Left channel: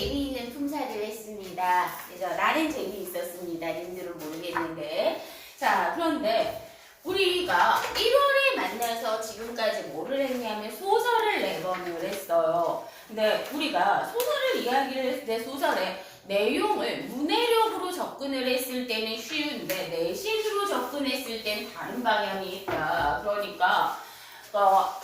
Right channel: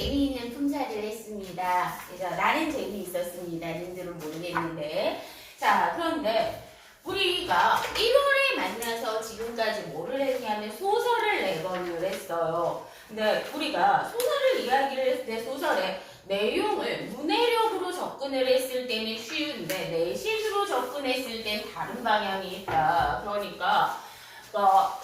재미있는 품사를 했습니다. 그래서 나는 재미있었습니다. 님들은 모르겠는데. 자, 그런데 우리가 1월에 만나서 지금까지 뭐를 했냐면 소설을 4권을 했어요. 근데 우리가 소설을 이야기를 했을 때 소설의 내용을 문해력으로 접근을 했을 때는 쉬운데 내식으로 접근했을 땐 다른 방향이 있다. 그러니까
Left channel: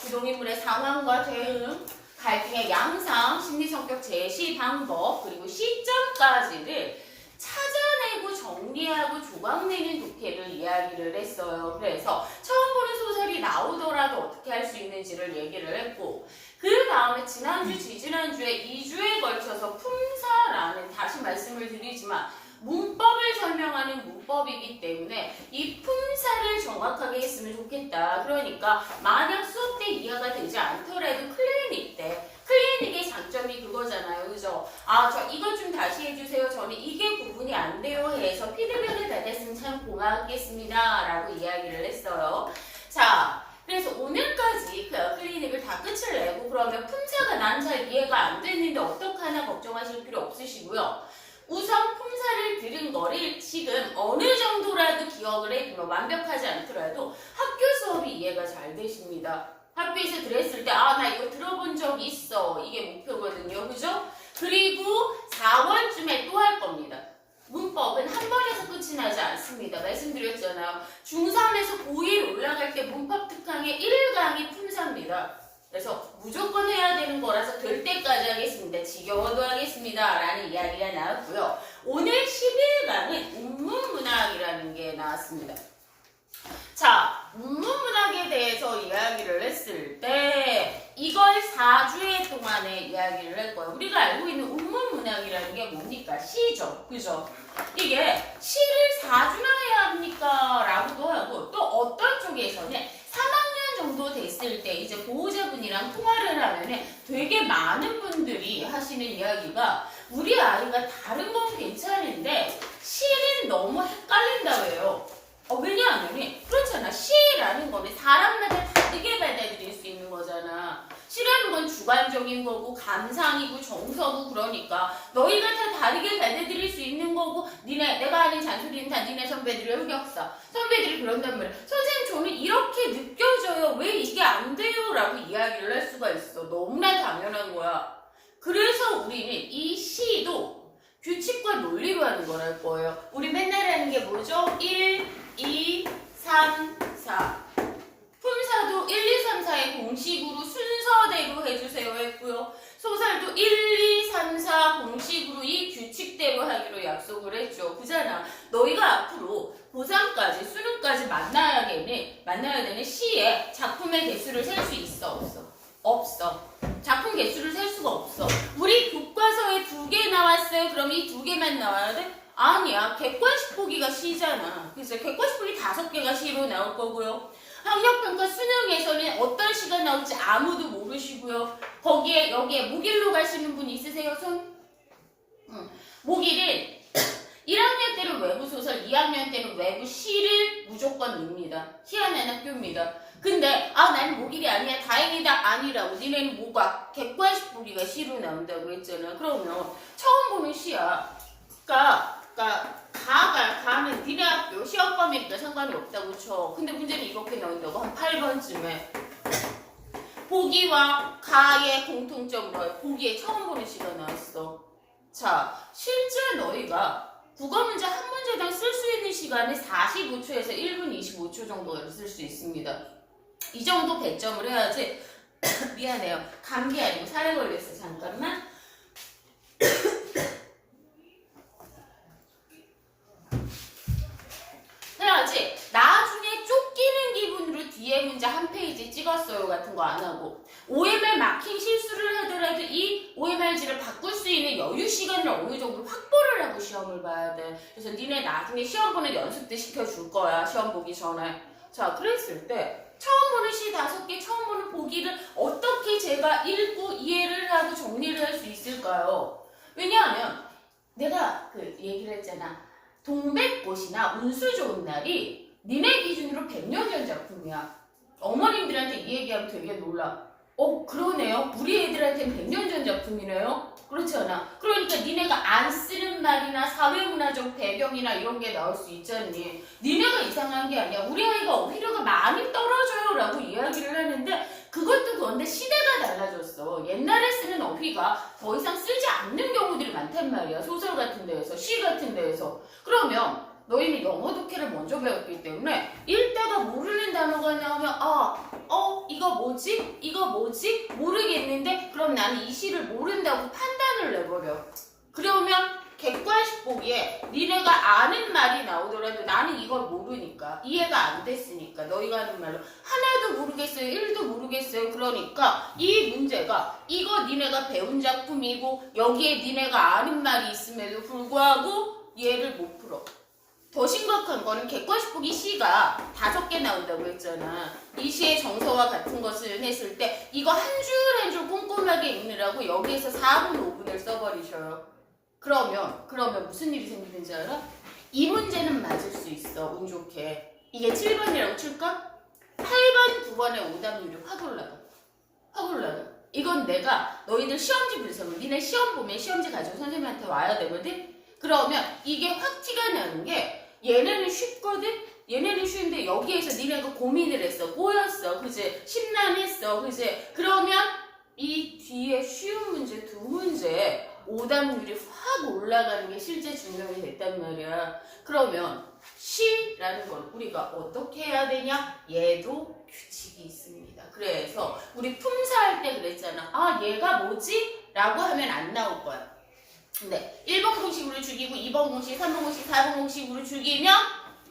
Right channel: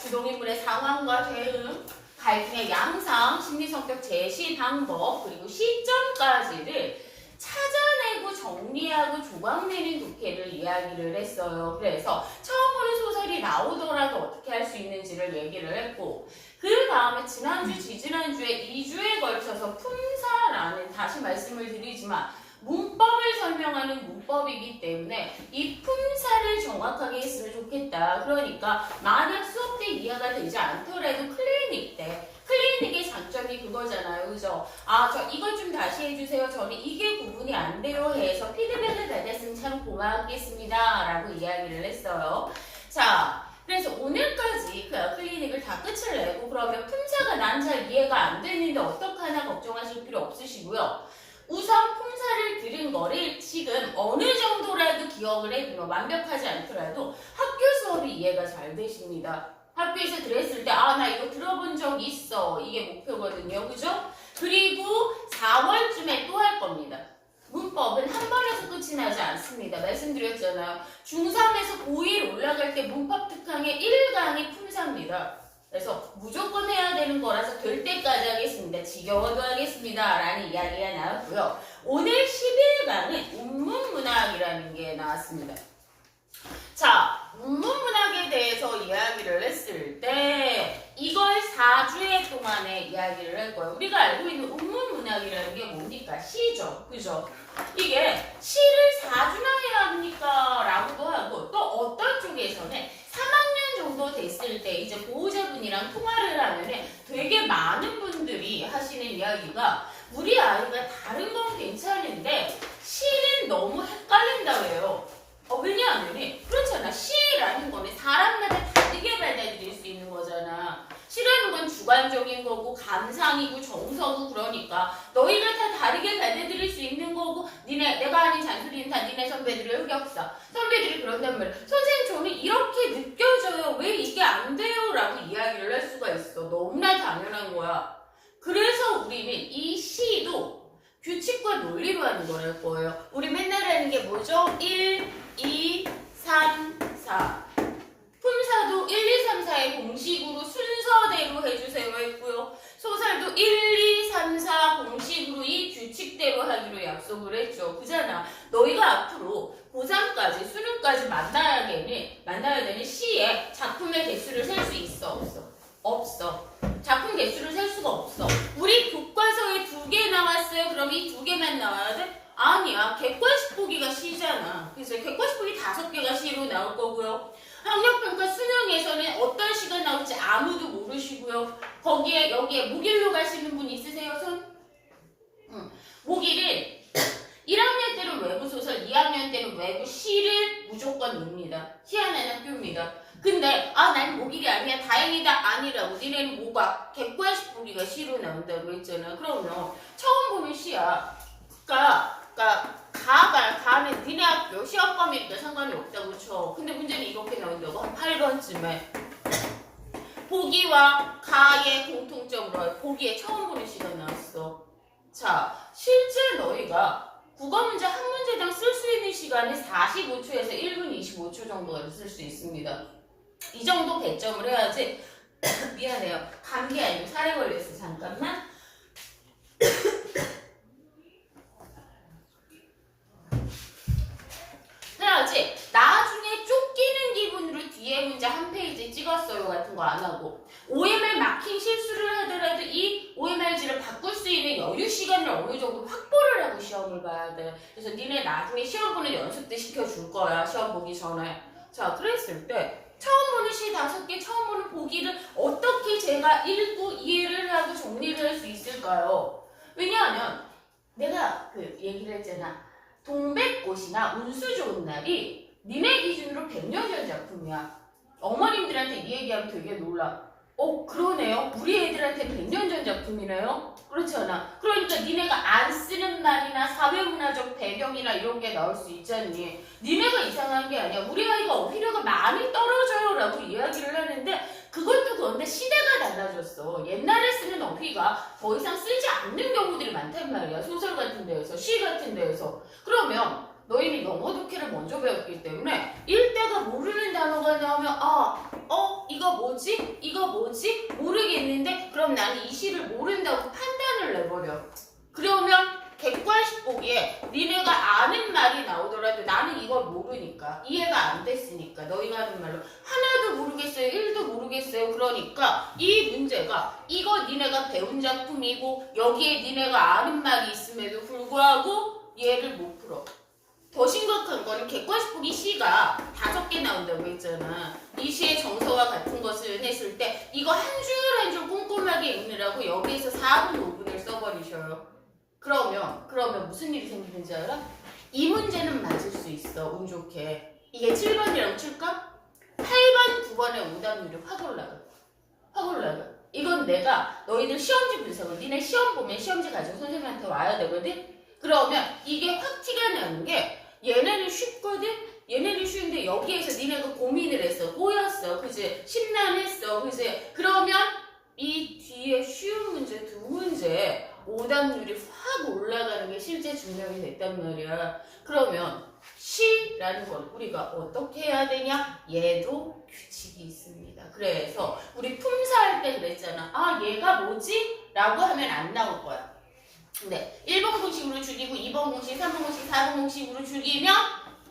주동인물의 상황과 대응, 갈등의 양상, 심리성격 제시 방법, 그리고 시점까지를 찾아내고 정리하고 조각내는 독해를 이야기를 했어요. 그래서 처음 보는 소설이 나오더라도 어떻게 할 수 있는지를 얘기를 했고, 그 다음에 지난주, 지지난주에 2주에 걸쳐서 품사라는, 다시 말씀을 드리지만 문법을 설명하는 문법이기 때문에 이 품사를 정확하게 했으면 좋겠다. 그러니까 만약 수업 때 이해가 되지 않더라도 클리닉 때 클리닉의 장점이 그거잖아요. 그죠? 저 이거 좀 다시 해주세요. 저는 이게 구분이 안 돼요 해서 피드백을 받았으면 참 고맙겠습니다. 라고 이야기를 했어요. 자, 그래서 오늘까지 그 클리닉을 다 끝을 내고 그러면 품사가 난 잘 이해가 안 되는데 어떡하나 걱정하실 필요 없으시고요. 우선 품사를 들은 거를 지금 어느 정도라도 기억을 해두면 완벽하지 않더라도 학교 수업이 이해가 잘 되십니다. 학교에서 들었을 때 나 이거 들어본 적 있어. 이게 목표거든요. 그죠? 그리고 4월쯤에 또 할 겁니다. 문법은 한 번에서 끝이 나지 않습니다. 말씀드렸잖아요. 중3에서 고1 올라갈 때 문법 특강의 1강이 품사입니다. 그래서 무조건 해야 되는 거라서 될 때까지 하겠습니다. 지겨워도 하겠습니다. 라는 이야기가 나왔고요. 오늘 11강은 운문문학이라는 게 나왔습니다. 자, 운문문학에 대해서 이야기를 했을 때 이걸 4주에 동안에 이야기를 할 거예요. 우리가 알고 있는 운문문학이라는 게 뭡니까? 시죠. 그죠? 이게 시를 4주나 해야 합니까? 라고도 하고 또 어떤 쪽에서는 3학년 정도 됐을 때 이제 보호자분이랑 통화를 하면은 되게 많은 분들이 하시는 이야기가 우리 아이가 다른 건 괜찮은데 시는 너무 헷갈린다고 해요. 왜냐하면 그렇잖아. 시라는 거는 사람마다 다르게 받아들일 수 있는 거잖아. 시라는 건 주관적인 거고 감상이고 정서고 그러니까 너희가 다 다르게 받아들일 수 있는 거고 내가 아는 잔소리는 다 니네 선배들의 흑역사. 선배들이 그런단 말이야. 선생님 저는 이렇게 느껴져요. 왜 이게 안 돼요? 라고 이야기를 할 수가 있어. 너무나 당연한 거야. 그래서 우리는 이 시도 규칙과 논리로 하는 거랄 거예요. 우리 맨날 하는 게 뭐죠? 1, 2, 3, 4. 품사도 1, 2, 3, 4의 공식으로 순서대로 해주세요 했고요. 소설도 1, 2, 3, 4 공식으로 이 규칙대로 하기로 약속을 했죠. 그잖아. 너희가 앞으로 고3까지 수능까지 만나야 되는 시의 작품의 개수를 셀 수 있어? 없어? 없어. 작품 개수를 셀 수가 없어. 우리 교과서에 2개 나왔어요. 그럼 이 2개만 나와야 돼? 아니야. 객관식 보기가 시잖아. 그래서 객관식 보기 5개가 시로 나올 거고요. 학력평가 수능에서는 어떤 시가 나올지 아무도 모르시고요. 여기에 모길로 가시는 분 있으세요? 손? 모길을 1학년 때는 외부소설, 2학년 때는 외부 시를 무조건 넣습니다. 희한한 학교입니다. 근데 난 모길이 아니야. 다행이다. 아니라고. 니네는 뭐가? 객관식 보기가 시로 나온다고 했잖아. 그러면 처음 보는 시야. 가면 니네 학교 시험 범위니까 상관이 없다고 쳐. 근데 문제는 이렇게 나온다고. 한 8번쯤에 보기와 가의 공통점으로 보기에 처음 보는 시가 나왔어. 자, 실제 너희가 국어 문제 한 문제당 쓸 수 있는 시간이 45초에서 1분 25초 정도가 쓸 수 있습니다. 이 정도 배점을 해야지. 미안해요. 감기 아니고 살에 걸렸어. 잠깐만. 해야지. 나중에 쫓기는 기분으로 뒤에 문제 한 페이지 찍었어요 같은 거 안 하고 OMR 마킹 실수를 하더라도 이 OMR지를 바꿀 수 있는 여유 시간을 어느 정도 확보를 하고 시험을 봐야 돼. 그래서 니네 나중에 시험 보는 연습도 시켜줄 거야. 시험 보기 전에. 자, 그랬을 때 처음 보는 시 5개, 처음 보는 보기를 어떻게 제가 읽고 이해를 하고 정리를 할 수 있을까요? 왜냐하면 내가 얘기를 했잖아. 동백꽃이나 운수 좋은 날이 니네 기준으로 100년 전 작품이야. 어머님들한테 이 얘기하면 되게 놀라. 그러네요. 우리 애들한테는 100년 전 작품이네요. 그렇지 않아? 그러니까 니네가 안 쓰는 말이나 사회문화적 배경이나 이런 게 나올 수 있잖니. 니네가 이상한 게 아니야. 우리 아이가 어휘력이 많이 떨어져요 라고 이야기를 하는데 그것도 그런데 시대가 달라졌어. 옛날에 쓰는 어휘가 더 이상 쓰지 않는 경우들이 많단 말이야. 소설 같은 데에서, 시 같은 데에서. 그러면 너희는 영어 독해를 먼저 배웠기 때문에 일대가 모르는 단어가 나오면 이거 뭐지? 이거 뭐지? 모르겠는데 그럼 나는 이 시를 모른다고 판단을 내버려. 그러면 객관식 보기에 니네가 아는 말이 나오더라도 나는 이걸 모르니까 이해가 안 됐으니까 너희가 하는 말로 하나도 모르겠어요. 1도 모르겠어요. 그러니까 이 문제가 이거 니네가 배운 작품이고 여기에 니네가 아는 말이 있음에도 불구하고 얘를 못 풀어. 더 심각한 거는 객관식 보기 시가 5개 나온다고 했잖아. 이 시의 정서와 같은 것을 했을 때 이거 한 줄 한 줄 꼼꼼하게 읽느라고 여기에서 4분 5분을 써버리셔요. 그러면 무슨 일이 생기는지 알아? 이 문제는 맞을 수 있어. 운 좋게. 이게 7번이라고 칠까? 8번, 9번의 오답률이 확 올라가. 확 올라가. 이건 내가 너희들 시험지 분석을 니네 시험 보면 시험지 가지고 선생님한테 와야 되거든? 그러면 이게 확 티가 나는 게 얘네는 쉽거든? 얘네는 쉬운데 여기에서 니네가 고민을 했어. 꼬였어. 그지? 심란했어. 그지? 그러면 이 뒤에 쉬운 문제 2문제 오답률이 확 올라가는 게 실제 증명이 됐단 말이야. 그러면 시라는 건 우리가 어떻게 해야 되냐? 얘도 규칙이 있습니다. 그래서 우리 품사할 때 그랬잖아. 얘가 뭐지? 라고 하면 안 나올 거야. 근데 1번 공식으로 죽이고 2번 공식, 3번 공식, 4번 공식으로 죽이면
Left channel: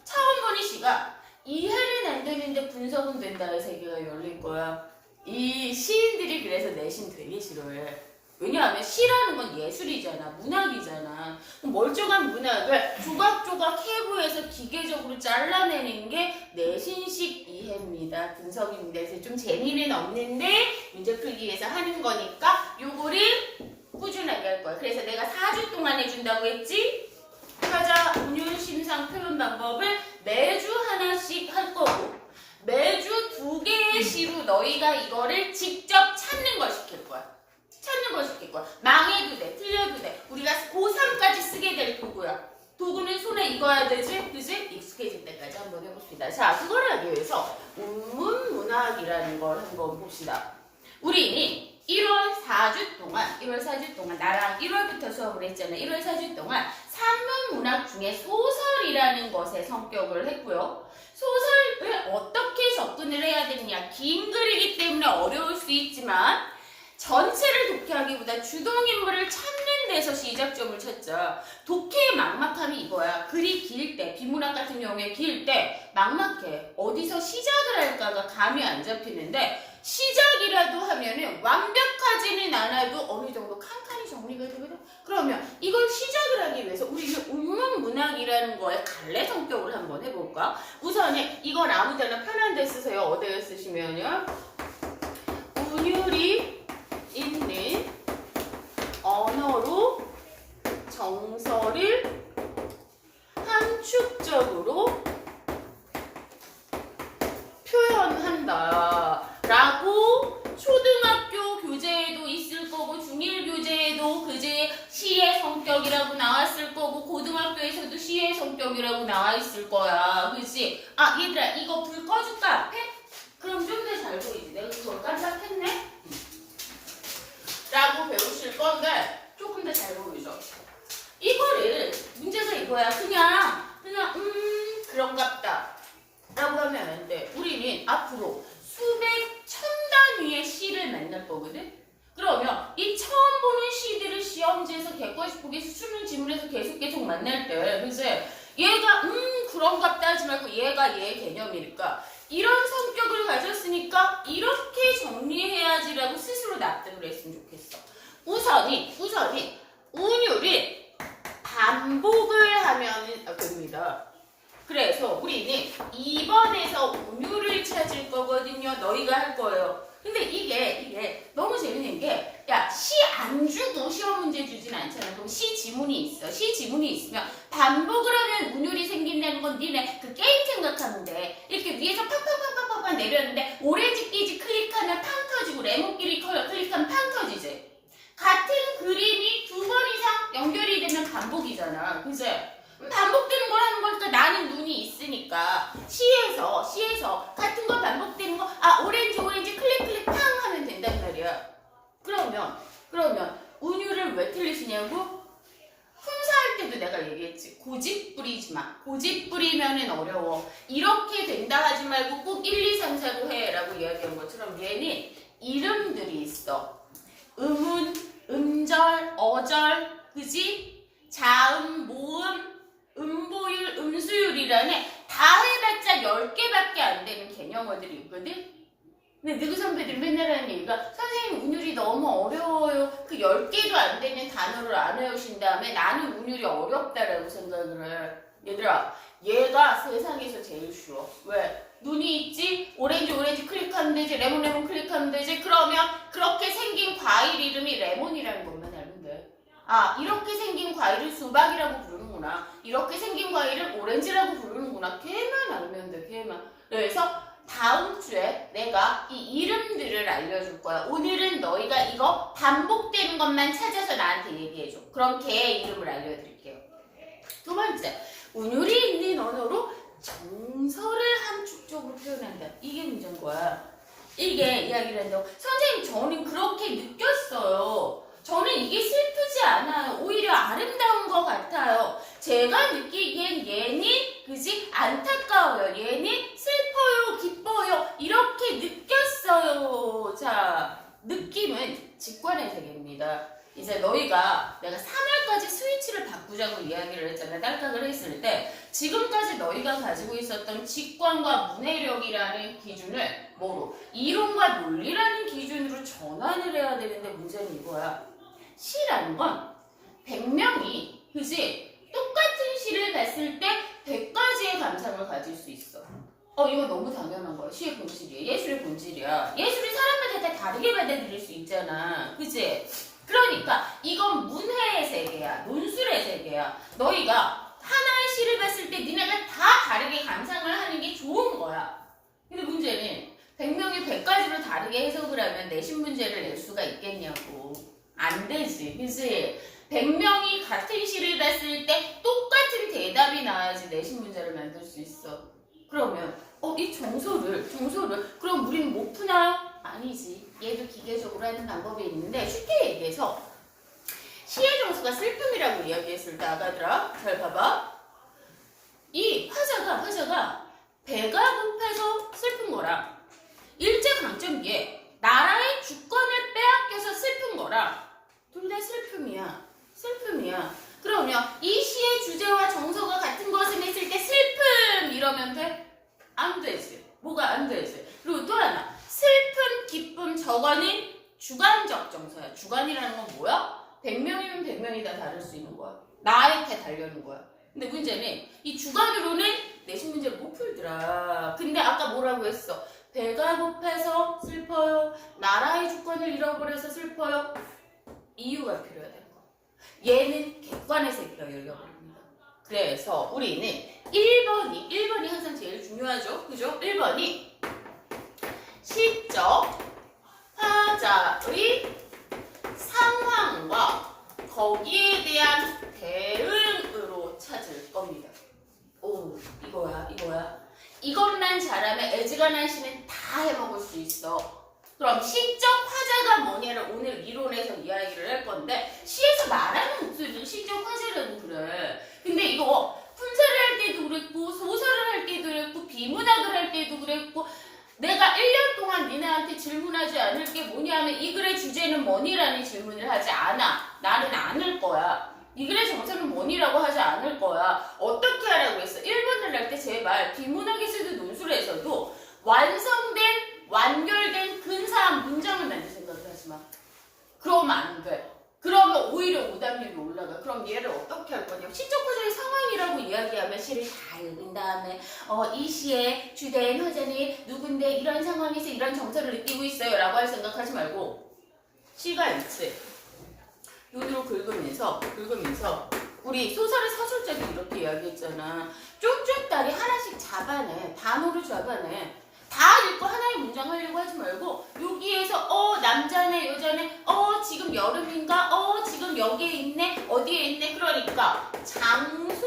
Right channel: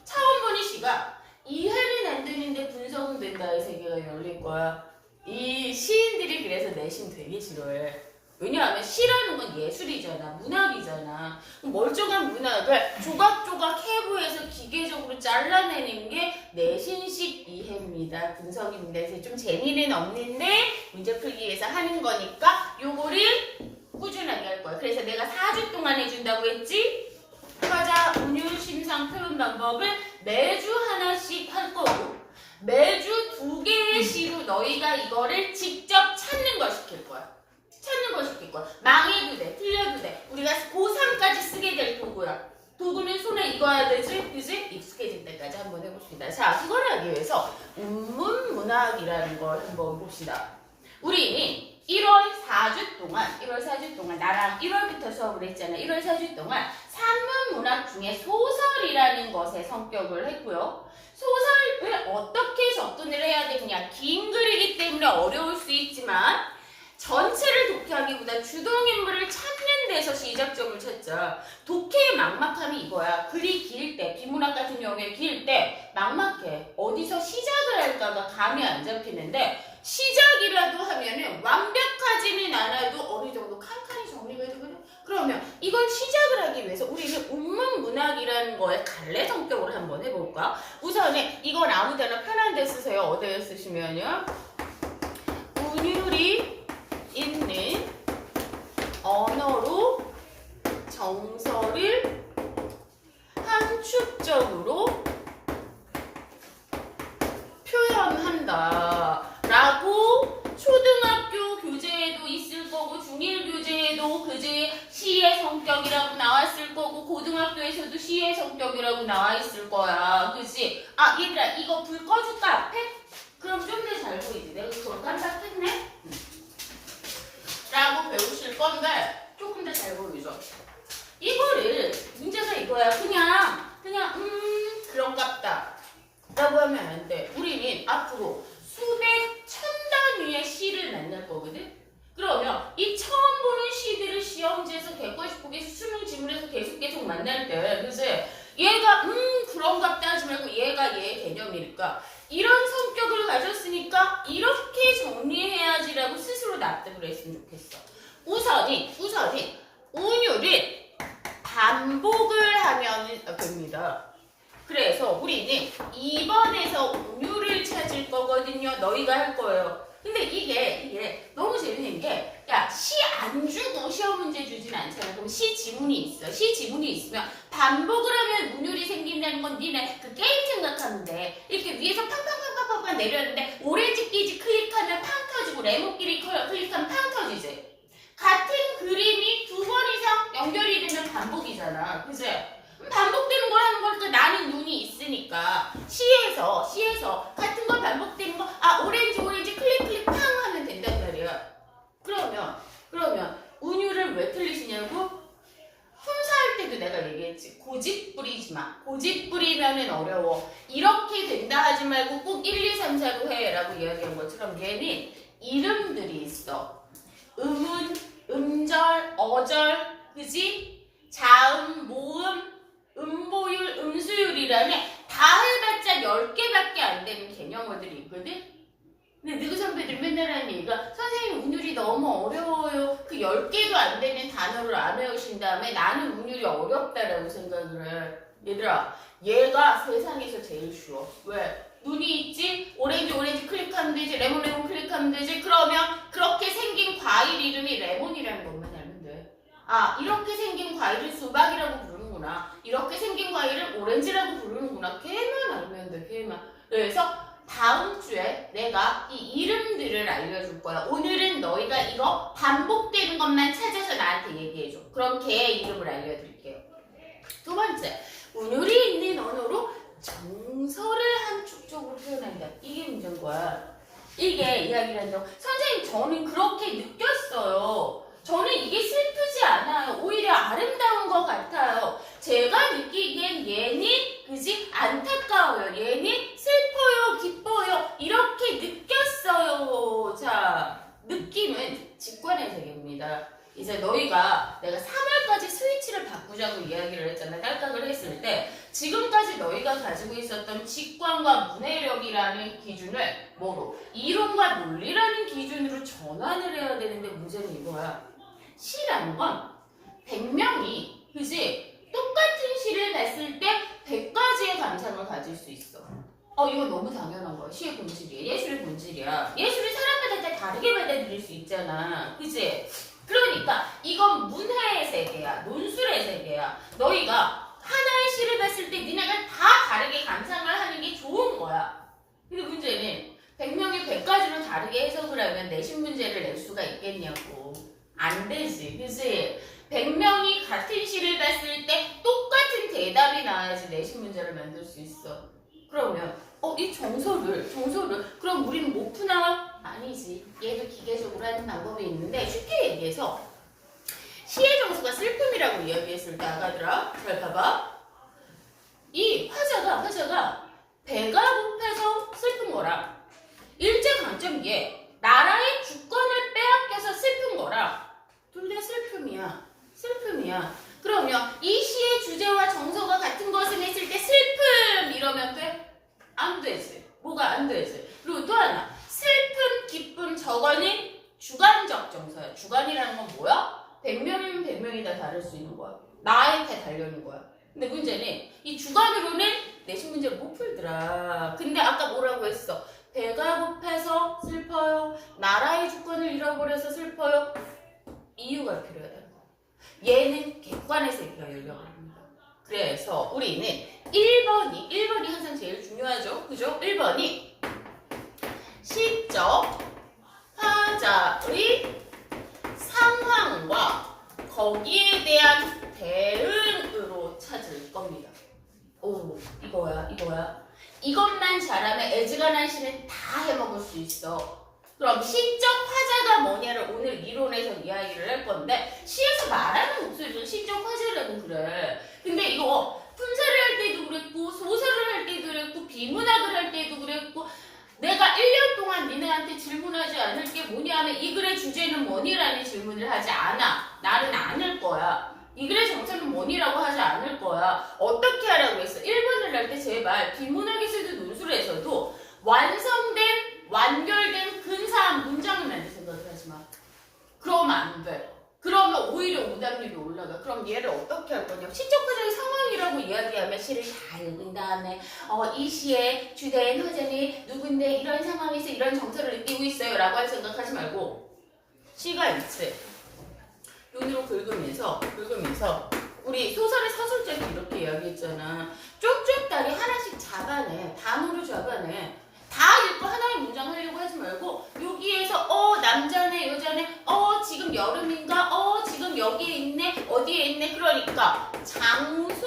차원본의 시가 이해는 안 되는데 분석은 된다. 이 세계가 열릴 거야. 이 시인들이 그래서 내신 되게 싫어해. 왜냐하면 시라는 건 예술이잖아. 문학이잖아. 멀쩡한 문학을 조각조각 해부해서 기계적으로 잘라내는 게 내신식 이해입니다. 분석입니다. 그래서 좀 재미는 없는데 문제 풀기 위해서 하는 거니까 요거를 꾸준하게 할 거야. 그래서 내가 4주 동안 해준다고 했지? 화자, 운율, 심상, 표현 방법을 매주 하나씩 할 거고 매주 2개의 시로 너희가 이거를 직접 찾는 걸 시킬 거야. 찾는 걸 시킬 거야. 망해도 돼. 틀려도 돼. 우리가 고3까지 쓰게 될 도구야. 도구는 손에 익어야 되지? 그지? 익숙해질 때까지 한번 해봅시다. 자, 그걸 하기 위해서 운문문학이라는 걸 한번 봅시다. 우리 1월 4주 동안 나랑 1월부터 수업을 했잖아. 1월 4주 동안 산문문학 중에 소설이라는 것의 성격을 했고요. 소설을 어떻게 접근을 해야 되느냐. 긴 글이기 때문에 어려울 수 있지만 전체를 독해하기보다 주동인물을 찾는 데서 시작점을 찾자. 독해의 막막함이 이거야. 글이 길 때, 비문학 같은 경우에 길 때 막막해. 어디서 시작을 할까가 감이 안 잡히는데 시작이라도 하면은 완벽하지는 않아도 어느 정도 칸칸이 정리가 되거든. 그러면 이걸 시작을 하기 위해서 우리는 운문문학이라는 거에 갈래 성격을 한번 해볼까? 우선에 이건 아무데나 편한 데 쓰세요. 어디에 쓰시면요. 운율이 있는 언어로 정서를 함축적으로 표현한다 라고 초등학교 교재에도 있을 거고 중1 교재에도 그제 시의 성격이라고 나왔을 거고 고등학교에서도 시의 성격이라고 나와 있을 거야. 그치? 얘들아 이거 불 꺼줄까 앞에? 그럼 좀 더 잘 보이지. 내가 그걸 깜빡했네? 라고 배우실 건데 조금 더 잘 보이죠? 이거를 문제가 이거야. 그냥 그런갑다 라고 하면 안 돼. 우리는 앞으로 수백 천 단위의 시를 만날 거거든? 그러면 이 처음 보는 시들을 시험지에서 객관식 보기에서 수능 지문에서 계속 만날 때 그치? 얘가 그런갑다 하지 말고 얘가 얘의 개념이니까 이런 성격을 가졌으니까 이렇게 정리해야지라고 스스로 납득을 했으면 좋겠어. 우선이 운율을 반복을 하면 됩니다. 그래서 우리는 2번에서 운율을 찾을 거거든요. 너희가 할 거예요. 근데 이게 너무 재밌는 게 시 안 주고 시험 문제 주진 않잖아. 그럼 시 지문이 있어. 시 지문이 있으면 반복을 하면 운율이 생긴다는 건 니네 그 게임 생각하면 돼. 이렇게 위에서 팍팍팍팍팍 내렸는데 오렌지 끼지 클릭하면 팡 터지고 레몬끼리 클릭하면 팡 얘기했냐고? 품사할 때도 내가 얘기했지. 고집 부리지 마. 고집 부리면은 어려워. 이렇게 된다 하지 말고 꼭 1, 2, 3, 4로 해 라고 이야기한 것처럼 얘는 이름들이 있어. 음운, 음절, 어절, 그지? 자음, 모음, 음보율, 음수율이라는 다 해봤자 10개밖에 안 되는 개념어들이 있거든? 근데 누구 선배들 맨날 하는 얘기가 선생님 운율이 너무 어려워요. 그 10개도 안 되는 단어를 안 외우신 다음에 나는 운율이 어렵다라고 생각을 해. 얘들아, 얘가 세상에서 제일 쉬워. 왜? 눈이 있지? 오렌지 클릭하면 되지. 레몬 클릭하면 되지. 그러면 그렇게 생긴 과일 이름이 레몬이라는 것만 알면 돼. 아, 이렇게 생긴 과일을 수박이라고 부르는구나. 이렇게 생긴 과일을 오렌지라고 부르는구나. 걔만 알면 돼. 걔만. 그래서 다음 주에 내가 이 이름들을 알려줄 거야. 오늘은 너희가 이거 반복되는 것만 찾아서 나한테 얘기해줘. 그럼 걔의 이름을 알려드릴게요. 두 번째, 운율이 있는 언어로 정서를 함축적으로 표현한다. 이게 문제인 거야. 이게 이야기를 한다고. 선생님, 저는 그렇게 느꼈어요. 저는 이게 슬프지 않아요. 오히려 아름다운 것 같아요. 제가 느끼기엔 얘는 그지 안타까워요. 얘는 슬퍼요, 기뻐요. 이렇게 느꼈어요. 자, 느낌은 직관의 세계입니다. 이제 너희가 내가 3월까지 스위치를 바꾸자고 이야기를 했잖아. 딸깍을 했을 때 지금까지 너희가 가지고 있었던 직관과 문해력이라는 기준을 뭐로? 이론과 논리라는 기준으로 전환을 해야 되는데 문제는 이거야. 시라는 건 100명이 그지? 똑같은 시를 봤을 때 100가지의 감상을 가질 수 있어. 이거 너무 당연한 거야. 시의 본질이야. 예술의 본질이야. 예술이 사람마다 다 다르게 받아들일 수 있잖아. 그지? 그러니까 이건 문해의 세계야. 논술의 세계야. 너희가 하나의 시를 봤을 때 니네가 다 다르게 감상을 하는 게 좋은 거야. 근데 문제는 100명이 100가지로 다르게 해석을 하면 내신 문제를 낼 수가 있겠냐고. 안 되지. 그치? 100명이 같은 시를 봤을 때 똑같은 대답이 나와야지 내신 문제를 만들 수 있어. 그러면 이 정서를 그럼 우리는 못 푸나요? 아니지. 얘도 기계적으로 하는 방법이 있는데 쉽게 얘기해서 시의 정서가 슬픔이라고 이야기했을 때 아가들아 잘 봐봐. 이 화자가 배가 고파서 슬픈 거라 일제강점기에 나라의 주권을 빼앗겨서 슬픈 거라 둘 다 슬픔이야. 그러면 이 시의 주제와 정서가 같은 것을 했을 때 슬픔 이러면 돼? 안 되지. 뭐가 안 되지? 그리고 또 하나 슬픔, 기쁨 저거는 주관적 정서야. 주관이라는 건 뭐야? 100명이면 100명이 다 다를 수 있는 거야. 나한테 달려는 거야. 근데 문제는 이 주관으로는 내신 문제를 못 풀더라. 근데 아까 뭐라고 했어? 배가 고파서 슬퍼요. 나라의 주권을 잃어버려서 슬퍼요. 이유가 필요하다는 거. 얘는 객관에서 열려버립니다. 그래서 우리는 1번이 항상 제일 중요하죠. 그죠? 1번이 시적 화자의 상황과 거기에 대한 대응으로 찾을 겁니다. 오, 이거야. 이것만 잘하면 애지간한 시는 다 해먹을 수 있어. 그럼 시적 화자가 뭐냐를 오늘 이론에서 이야기를 할 건데 시에서 말하는 목소리도 시적 화자라고 그래. 근데 이거 품사를 할 때도 그랬고 소설을 할 때도 그랬고 비문학을 할 때도 그랬고 내가 1년 동안 니네한테 질문하지 않을 게 뭐냐면 이 글의 주제는 뭐니라는 질문을 하지 않아. 나는 않을 거야. 이 글의 정서는 뭐니라고 하지 않을 거야. 어떻게 하라고 했어? 1번을 할 때 제발 비문학에서도 논술에서도 완결된 근사한 문장을 만들 생각을 하지 마. 그러면 안 돼. 그러면 오히려 오답률이 올라가. 그럼 얘를 어떻게 할 거냐? 시적 화자의 상황이라고 이야기하면 시를 다 읽은 다음에 이 시의 주된 화자는 누군데 이런 상황에서 이런 정서를 느끼고 있어요 라고 할 생각하지 말고 시가 있지. 눈으로 긁으면서 우리 소설의 서술자도 이렇게 이야기했잖아. 쪽쪽다리 하나씩 잡아내. 단어로 잡아내. 다 읽고 하나의 문장 하려고 하지 말고 여기에서 남자네 여자네 지금 여름인가 지금 여기에 있네 어디에 있네. 그러니까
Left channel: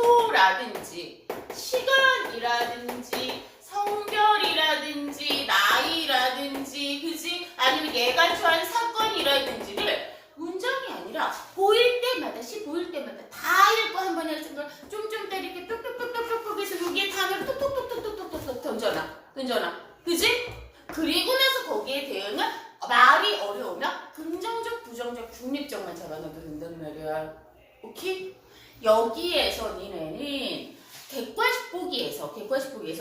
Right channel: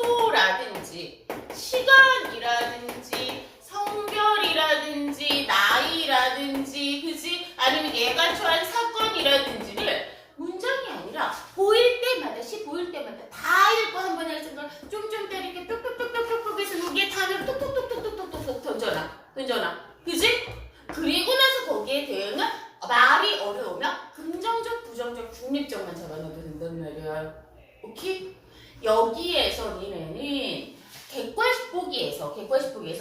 장소라든지 시간이라든지 성별이라든지 나이라든지 그지 아니면 얘가 처한 사건이라든지를 문장이 아니라 보일 때마다 중립적만 잡아놔도 된단 말이야. 오케이? 여기에서 니네는 객관식보기에서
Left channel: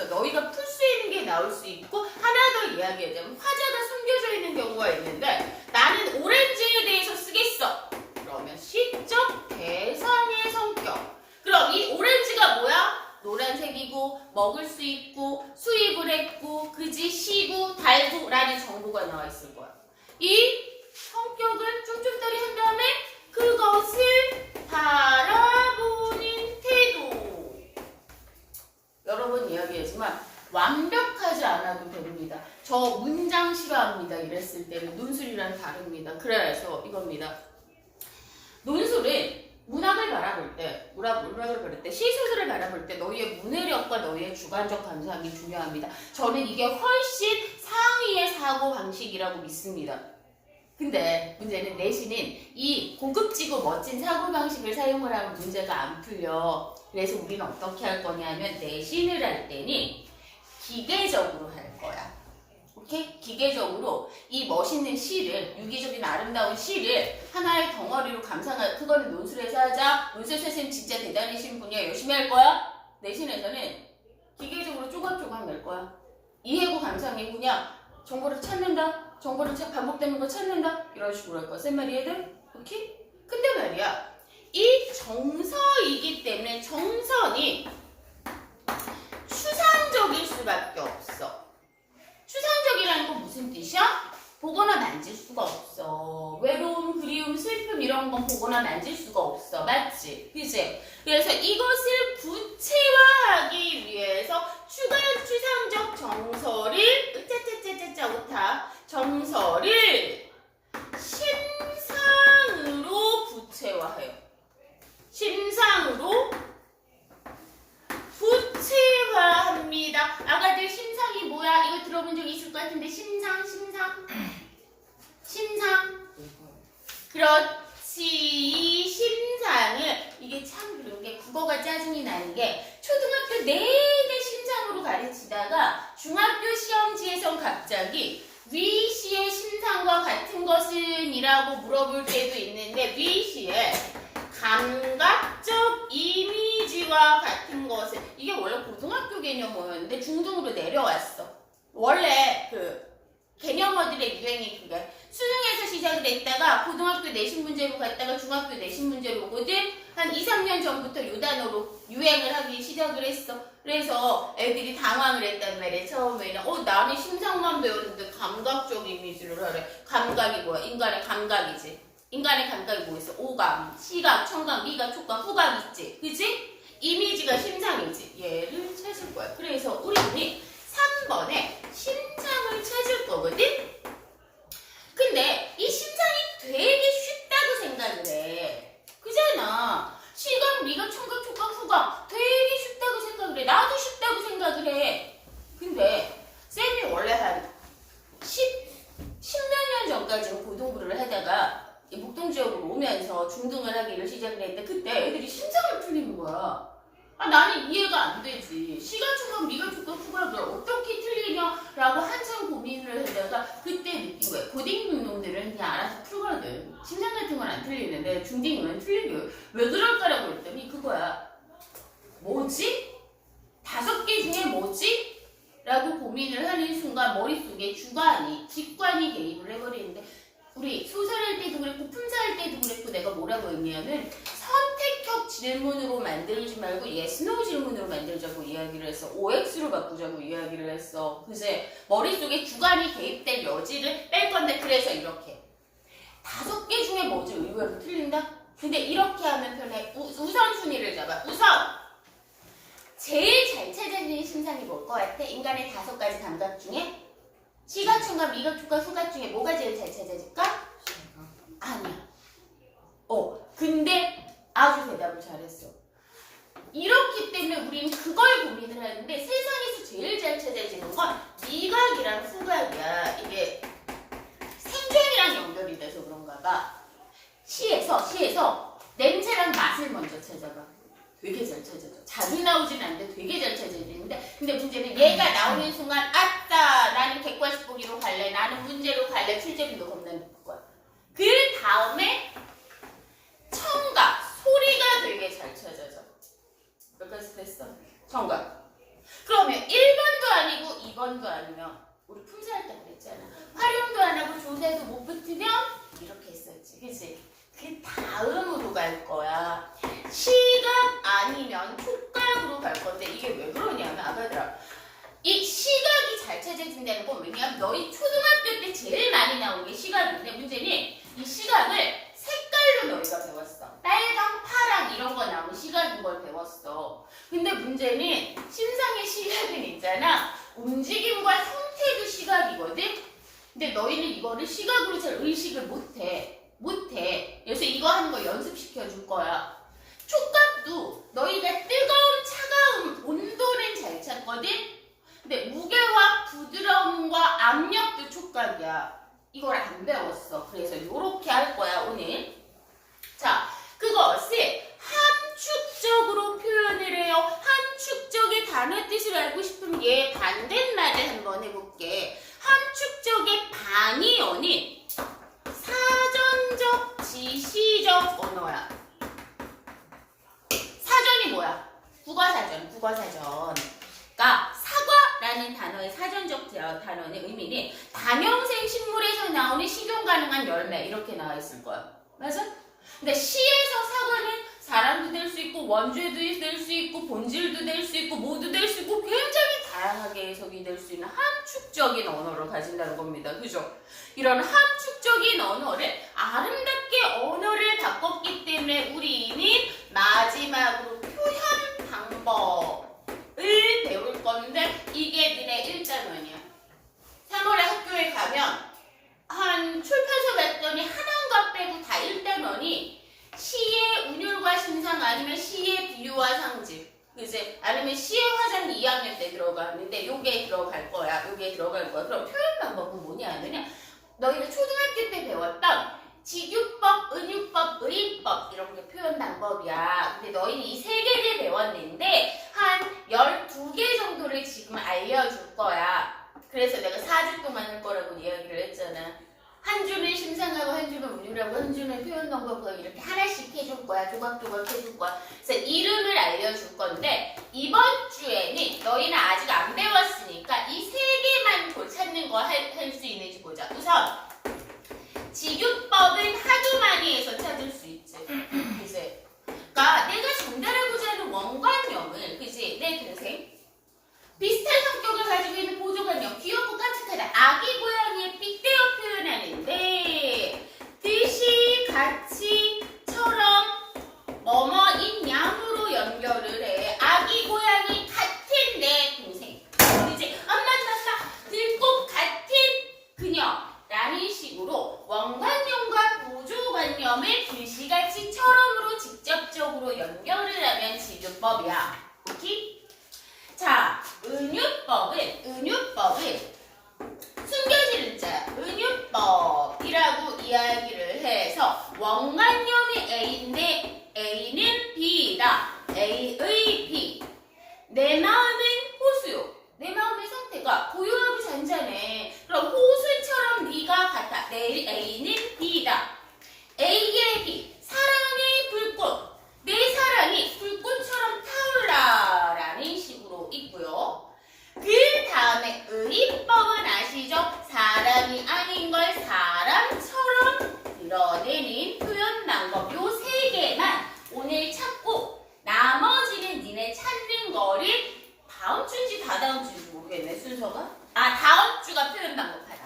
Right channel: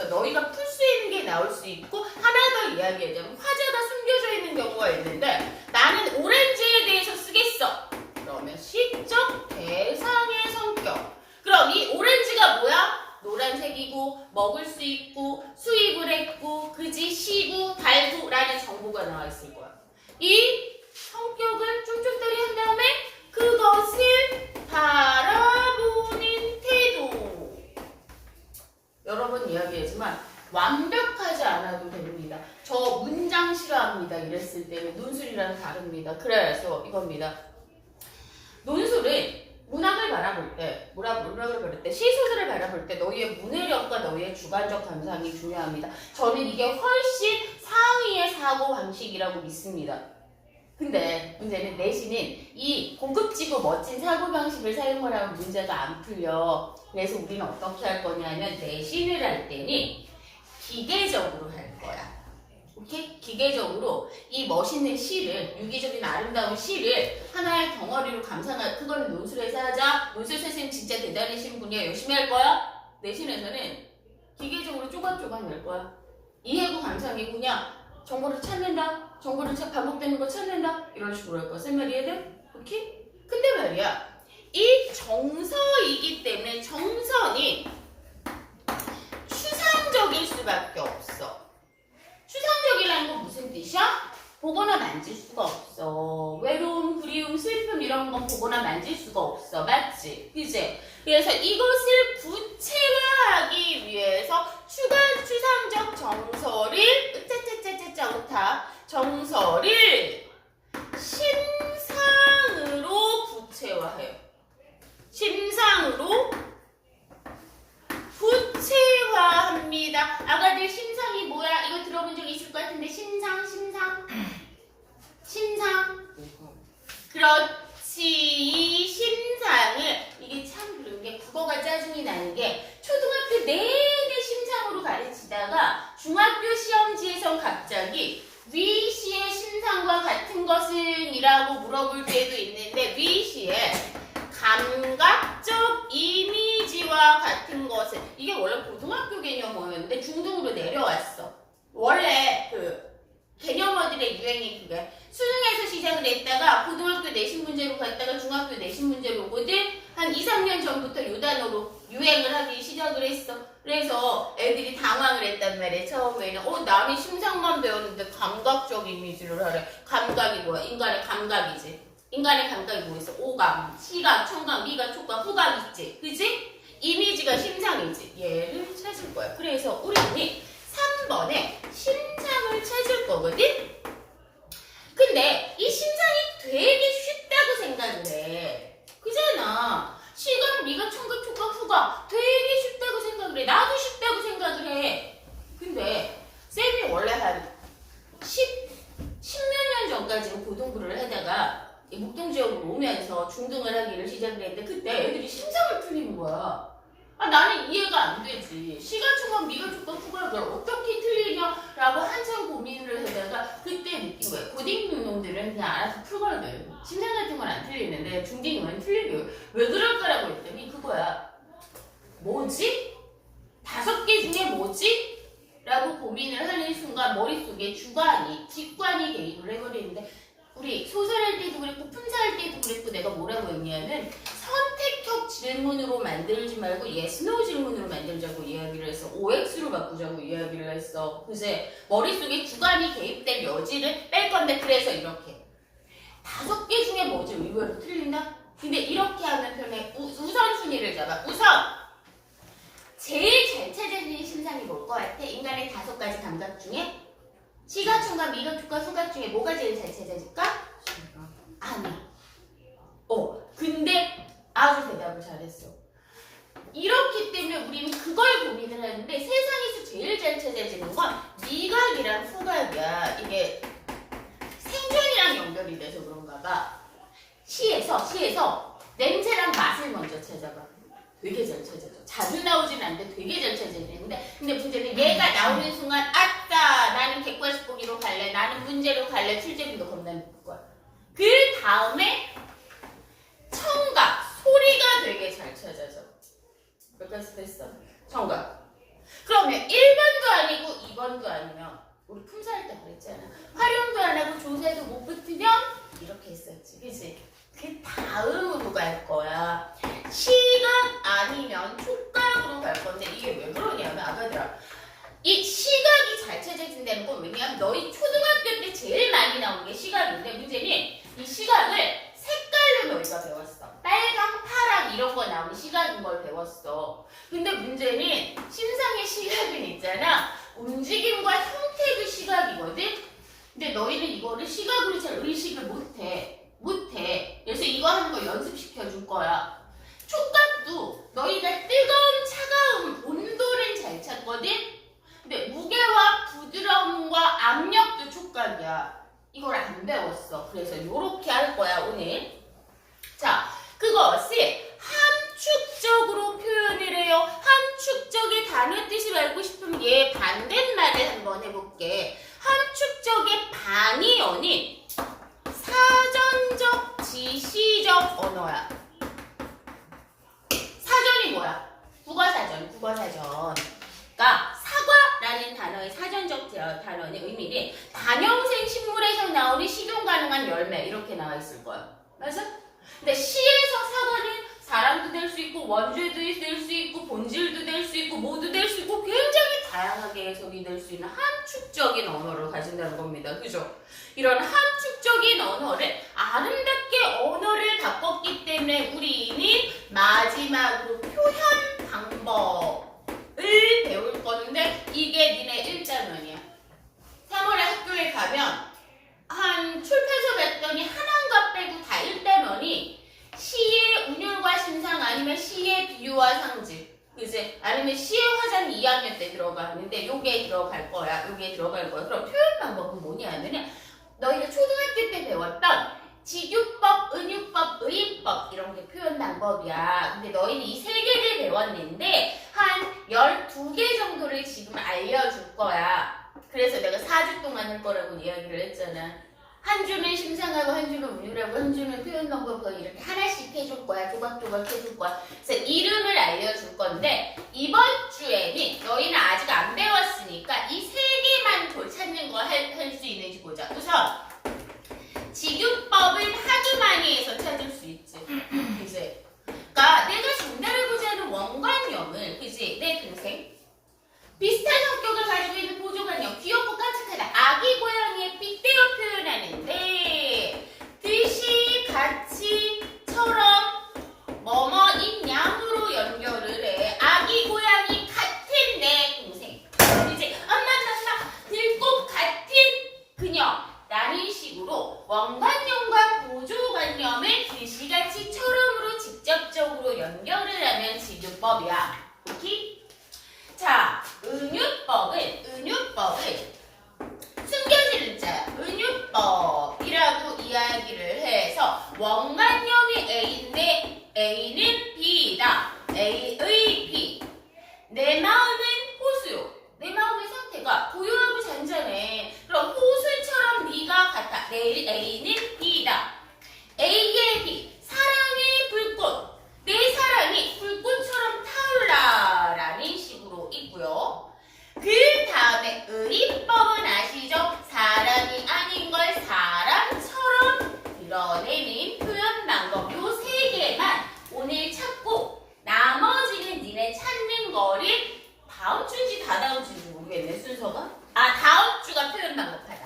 너희가 풀 수 있는 게 나올 수 있고 하나 더 이야기하자면 화자가 숨겨져 있는 경우가 있는데 나는 오렌지에 대해서 쓰겠어. 그러면 시적 대상의 성격. 그럼 이 오렌지가 뭐야? 노란색이고 먹을 수 있고 수입을 했고 그지 시고 달고 라는 정보가 나와 있을 거야. 이 성격을 쫌쫌다리 한 다음에 그것을 바라보는 태도. 여러 번 이야기하지만 완벽하지 않아도 됩니다. 저 문장 싫어합니다. 이랬을 때는 논술이랑 다릅니다. 그래서 이겁니다. 논술은 문학을 바라볼 때, 문학을 바라볼 때, 시소설을 바라볼 때 너희의 문해력과 너희의 주관적 감상이 중요합니다. 저는 이게 훨씬 상위의 사고 방식이라고 믿습니다. 근데 문제는 내신은 이 고급지고 멋진 사고 방식을 사용을 하면 문제가 안 풀려. 그래서 우리는 어떻게 할 거냐면 내신을 할 때는 기계적으로 할 거야. 오케이? 기계적으로 이 멋있는 시를, 유기적인 아름다운 시를 하나의 덩어리로 감상할, 그거는 논술에서 하자. 논술 선생님 진짜 대단하신 분이야. 열심히 할 거야. 내신에서는 기계적으로 조각조각 낼 거야. 이해고 감상이 그냥 정보를 찾는다. 정보를 반복되는 거 찾는다. 이런 식으로 할 거야. 쌤 말이 해야 오케이? 근데 말이야. 이 정서이기 때문에 정선이 추상적일 수밖에 없어. 추상적이라는 건 무슨 뜻이야? 보거나 만질 수가 없어. 외로움, 그리움, 슬픔 이런 건 보거나 만질 수가 없어. 맞지? 그치? 그래서 이것을 구체화하기 위해서 추상적 정서를 짜짜짜짜짜 오타 정서를 심상으로 구체화해요. 심상으로 구체화합니다. 아가들 심상이 뭐야? 이거 들어본 적 있을 것 같은데 심상. 그렇지. 이 심상을 이게 참 그런 게 국어가 짜증이 나는 게 초등학교 내내 심상으로 가르치다가 중학교 시험지에선 갑자기 위시의 심상과 같은 것은? 이라고 물어볼 때도 있는데 위시의 감각적 이미지와 같은 것을 이게 원래 고등학교 개념어였는데 중등으로 내려왔어. 원래 그 개념어들의 유행이 그게 수능에서 시작을 했다가 고등학교 내신 문제로 갔다가 중학교 내신 문제로 오거든. 한 2, 3년 전부터 요 단어로 유행을 하기 시작을 했어. 그래서 애들이 당황을 했단 말이야. 처음에는 남이 심상만 배웠는데 감각적 이미지를 하래. 감각이 뭐야? 인간의 감각이지. 인간의 감각이 뭐 있어? 오감, 시각, 청각, 미각, 촉각, 후각 있지. 그치? 이미지가 심상이지. 얘를 찾을 거야. 그래서 우리는 3번에 심상을 찾을 거거든? 근데 이 심상이 되게 쉽다고 생각을 해. 그잖아. 시각, 미각, 청각, 촉각, 후각 되게 쉽다고 생각을 해. 나도 쉽다고 생각을 해. 근데 쌤이 원래 한 10몇 년 전까지는 고등부를 하다가 목동 지역으로 오면서 중등을 하기를 시작을 했는데 그때 애들이 심상을 풀리는 거야. 나는 이해가 안 되지. 시각촉각, 미각촉각, 후각을 어떻게 틀리냐라고 한참 고민을 하다가 그때 느낀 거야. 고딩 놈들은 그냥 알아서 풀거든. 심상 같은 건 안 틀리는데 중딩은 틀리고요. 왜 그럴까라고 했더니 그거야. 뭐지? 5개 중에 뭐지? 라고 고민을 하는 순간 머릿속에 직관이 개입을 해버리는데 우리 소설할 때도 그랬고 품사할 때도 그랬고 내가 뭐라고 했냐면 선택형 질문으로 만들지 말고 yes, no 질문으로 만들자고 이야기를 했어. OX로 바꾸자고 이야기를 했어. 그새 머릿속에 주관이 개입될 여지를 뺄 건데 그래서 이렇게 5개 중에 뭐지? 의외로 틀린다? 근데 이렇게 하면 편해. 우선순위를 잡아. 우선 제일 잘 찾아지는 심상이 뭘 것 같아? 인간의 5가지 감각 중에 시각, 청각, 미각, 촉각, 후각 중에 뭐가 제일 잘 찾아질까? 아니야. 근데 아주 대답을 잘했어. 이렇기 때문에 우리는 그걸 고민을 하는데 세상에서 제일 잘 찾아지는 건 미각이랑 후각이야. 이게 생존이랑 연결이 돼서 그런가 봐. 시에서 냄새랑 맛을 먼저 찾아봐. 되게 잘 찾아져. 자주 나오진 않는데 되게 잘 찾아지는데 근데 문제는 얘가 나오는 순간 아따 나는 객관식 보기로 갈래. 나는 문제로 갈래. 출제문도 겁나 늦을 거야. 그 다음에 문제는 심상의 시각은 있잖아. 움직임과 형태의 시각이거든. 근데 너희는 이거를 시각으로 잘 의식을 못해. 그래서 이거 하는 거 연습시켜 줄 거야. 촉각도 너희가 뜨거움, 차가움, 온도는 잘 찾거든. 근데 무게와 부드러움과 압력도 촉각이야. 이걸 안 배웠어. 그래서 이렇게 할 거야 오늘. 자, 그것을 함축적으로 표현을 해요. 함축적의 단어 뜻을 알고 싶으면 얘 반대말을 한번 해볼게. 함축적의 반이 아닌 사전적, 지시적 언어야. 사전이 뭐야? 국어사전. 그러니까 사과라는 단어의 사전적 단어는 의미는 다년생 식물에서 나오는 식용 가능한 열매 이렇게 나와 있을 거야. 맞아? 근데 시에서 사과는 사람도 될 수 있고 원죄도 될 수 있고 본질도 될 수 있고 모두 될 수 있고 굉장히 다양하게 해석이 될 수 있는 함축적인 언어를 가진다는 겁니다. 그죠? 이런 함축적인 언어를 아름답게 언어를 바꿨기 때문에 우리는 마지막으로 표현 방법을 배울 건데 이게 니네 1단원이야. 3월에 학교에 가면 한 출판서 갔더니 하나인가 빼고 다 1단원이 시의 운율과 심상 아니면 시의 비유와 상징 그지? 아니면 시의 화장이 2학년 때 들어가는데 요게 들어갈 거야. 그럼 표현 방법은 뭐냐 하면은 너희가 초등학교 때 배웠던 직유법, 은유법, 의인법 이런 게 표현 방법이야. 근데 너희는 이 3개를 배웠는데 한 12개 정도를 지금 알려줄 거야. 그래서 내가 4주 동안 할 거라고 이야기를 했잖아. 한 주는 심상하고 한 주는 운율하고 한 주는 표현 방법하고 이렇게 하나씩 해줄 거야. 조각조각 해줄 거야. 그래서 이름을 알려줄 건데 이번 주에는 너희는 아직 안 배웠으니까 이 3개만 찾는 거 할 수 있는지 보자. 우선 직유법은 하도 많이 해서 찾을 수 있지. 그치? 그러니까 내가 전달하고자 하는 원관념을 그치? 내 동생 비슷한 성격을 가지고 있는 보조관념 귀엽고 깜찍하다. 아기 고양이의 빗대어 표현하는데 듯이 같이 처럼 뭐뭐인 양으로 연결을 해. 아기 고양이 같은 내 동생 그치? 엄마 들꽃 같은 그녀라는 식으로 원관념과 보조관념을 듯이같이 처럼으로 직접적으로 연결을 하면 직유법이야. 오케이? 자, 은유법은 숨겨지는 자야. 은유법이라고 이야기를 해서 원관념이 A인데 A는 B이다. A의 B. 내 마음은 호수요. 내 마음의 상태가 고요하고 잔잔해. 그럼 호수처럼 네가 같아. A는 B이다. A의 B. 사랑의 불꽃. 내 사랑이 불꽃처럼 타올라 라는 식으로 있고요. 그 다음에 의법은 아시죠? 사랑이 아닌 걸 사랑처럼 드러내는 표현 방법 요 3개만 오늘 찾고 나머지는 니네 찾는 거를 다음 주인지 다다음 주인지 모르겠네 순서가. 다음 주가 표현 방법 하다.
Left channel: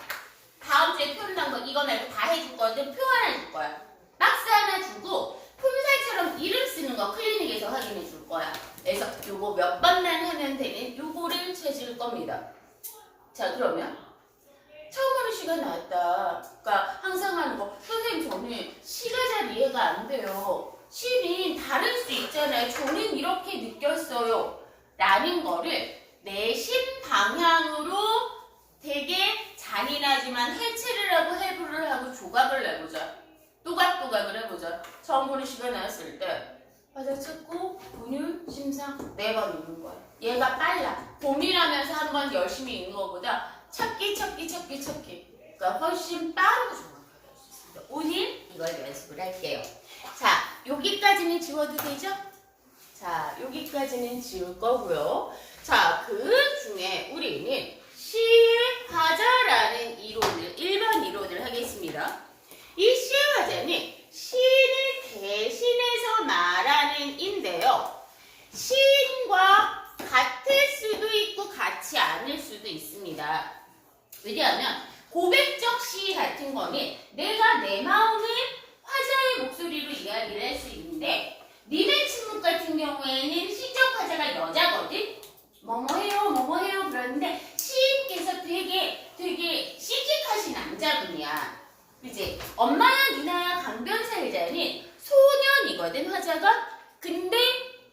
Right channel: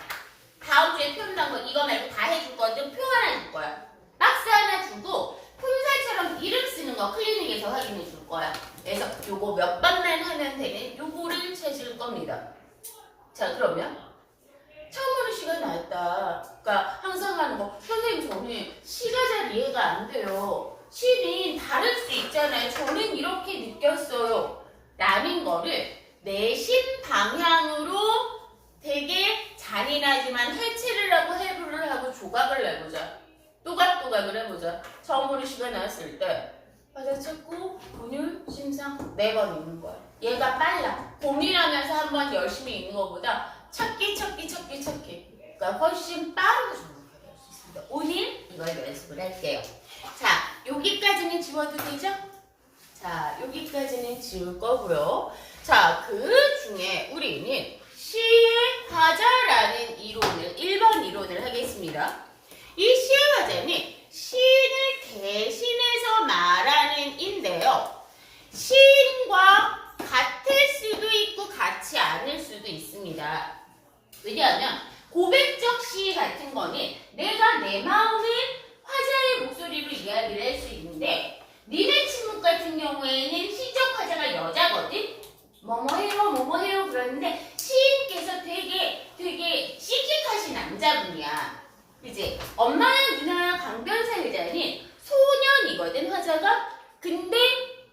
다음 주에 표현 방법 이거 말고 다 해줄 건데 표 하나 줄 거야. 박스 하나 주고 폼살처럼 이름 쓰는 거 클리닉에서 확인해 줄 거야. 그래서 요거 몇 번만 하면 되는 요거를 찾을 겁니다. 자, 그러면 처음으로 시가 나왔다. 그러니까 항상 하는 거 선생님 저는 시가 잘 이해가 안 돼요. 시는 다를 수 있잖아요. 저는 이렇게 느꼈어요. 라는 거를 내심 방향으로 되게 잔인하지만 해체를 하고 해부를 하고 조각을 내보자. 또각또각을 해보자. 처음으로 시가 나왔을 때 맞아 찾고 운율, 심상 4번 읽는 거야. 얘가 빨라. 봄이라면서 한 번 열심히 읽는 것보다 찾기. 그러니까 훨씬 빠르게 조각을 할 수 있습니다. 오늘 이걸 연습을 할게요. 자, 여기까지는 지워도 되죠? 자, 여기까지는 지울 거고요. 자, 그 중에 우리는 시의 화자라는 이론을 1번 이론을 하겠습니다. 이 시의 화자는 시인을 대신해서 말하는 인데요. 시인과 같을 수도 있고 같지 않을 수도 있습니다. 왜냐하면 고백적 시 같은 거는 내가 내 마음을 화자의 목소리로 이야기를 할 수 있는데 니네 침묵 같은 경우에는 시적 화자가 여자거든. 엄마야 누나야 강변사 일자니 소년이거든 화자가. 근데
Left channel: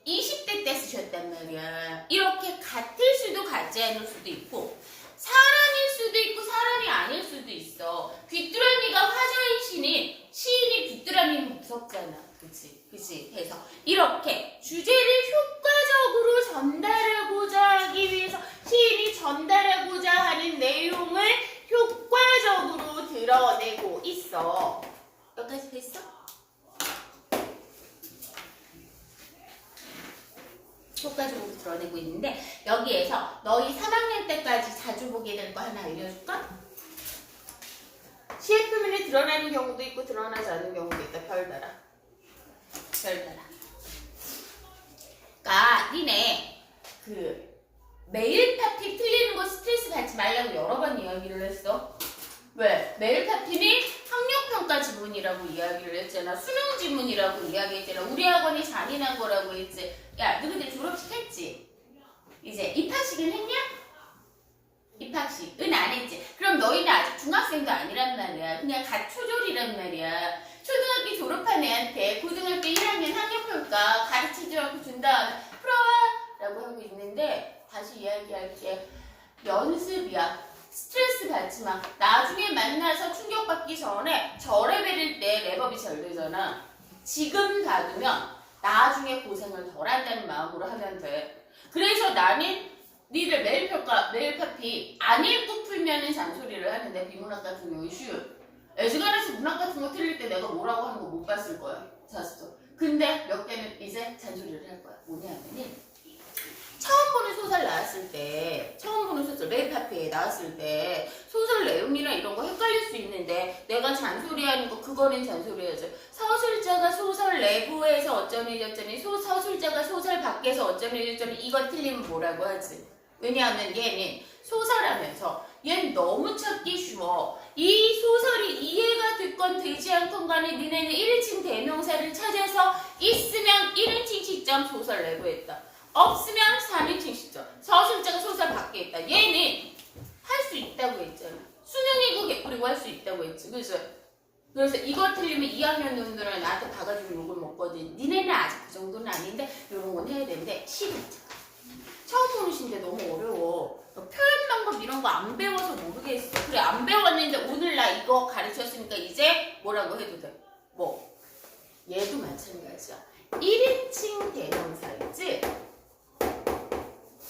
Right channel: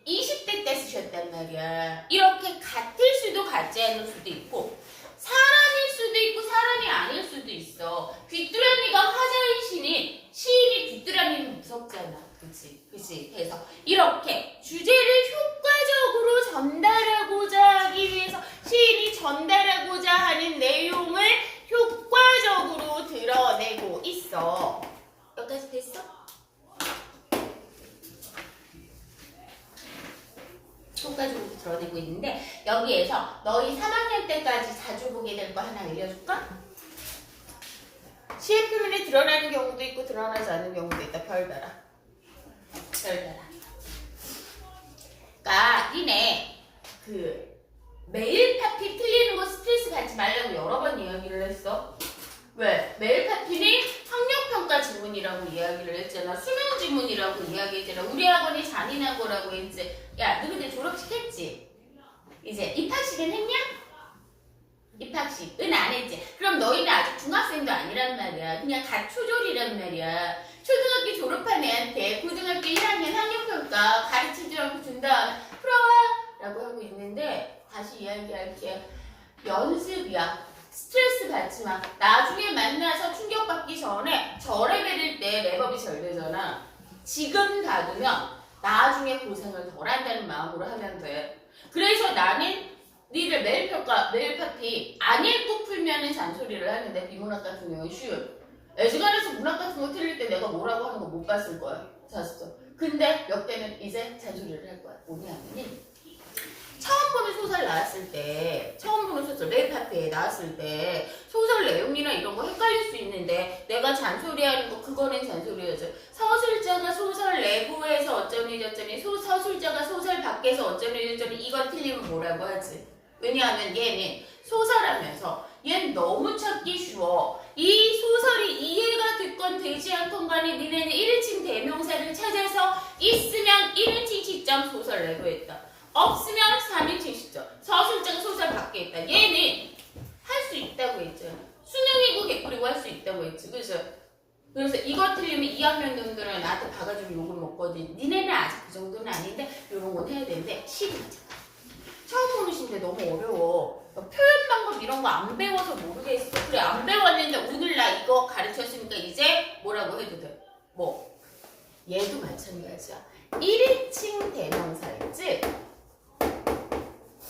20대 때 쓰셨단 말이야. 이렇게 같을 수도 같지 않을 수도 있고 사람일 수도 있고 사람이 아닐 수도 있어. 귀뚜라미가 화자인 시인이 귀뚜라미는 무섭잖아. 그치? 그래서 이렇게 주제를 효과적으로 전달하고자 하기 위해서 시인이 전달하고자 하는 내용을 효과적으로 드러내고 있어. 여기까지 됐어? 효과적으로 드러내고 있는데 여기에서 너희 3학년 때까지 자주 보게 될 거 하나 알려줄까? 시의 표면에 드러나는 경우도 있고 드러나지 않는 경우도 있다. 별 달아. 그러니까 니네 메일 파티 틀리는 거 스트레스 받지 말라고 여러 번 이야기를 했어. 왜? 메일 파티는 학력평가 지문이라고 이야기를 했잖아. 수능 지문이라고 이야기했잖아. 우리 학원이 잔인한 거라고 했지. 야, 너 근데 졸업식 했지? 이제 입학식은 했냐? 입학식은 안 했지. 그럼 너희는 아직 중학생도 아니란 말이야. 그냥 갓 초졸이란 말이야. 초등학교 졸업한 애한테 고등학교 1학년 학력평가 가르치지 않고 준 다음에 풀어와! 라고 하고 있는데 다시 이야기할게. 연습이야. 스트레스 받지 마. 나중에 만나서 충격받기 전에 저 레벨일 때 랩업이 잘 되잖아. 지금 가두면 나중에 고생을 덜 한다는 마음으로 하면 돼. 그래서 나는 니들 매일 파티 안 읽고 풀면은 잔소리를 하는데 비문학 같은 경우는 쉬운. 애지간해서 문학 같은 거 틀릴 때 내가 뭐라고 하는 거 못 봤을 거야. 잤어. 근데 몇 개는 이제 잔소리를 할 거야. 뭐냐면은 처음 보는 소설 나왔을 때, 처음 보는 소설 매일 파티에 나왔을 때 소설 내용이나 이런 거 헷갈릴 수 있는데 내가 잔소리하는 거 그거는 잔소리하죠. 서술자가 소설 내부에서 어쩌니 저쩌니 서술자가 소설 밖에서 어쩌니 저쩌니 이건 틀리면 뭐라고 하지. 왜냐하면 얘는 소설하면서 얘는 너무 찾기 쉬워. 이 소설이 이해가 됐건 되지 않건 간에 니네는 1인칭 대명사를 찾아서 있으면 1인칭 시점 소설 내부했다. 없으면 3인칭 시점. 서술자가 소설 밖에 있다. 얘는 할 수 있다고 했잖아. 수능이고 개꿀이고 할 수 있다고 했지. 그래서 이거 틀리면 2학년 놈들은 나한테 가가지고 욕을 먹거든. 니네는 아직 그 정도는 아닌데 이런 건 해야 되는데 시리즈. 처음 보는 시인데 너무 어려워. 표현 방법 이런 거 안 배워서 모르겠어. 그래 안 배웠는데 오늘 나 이거 가르쳤으니까 이제 뭐라고 해도 돼. 뭐 얘도 마찬가지야. 1인칭 대명사였지?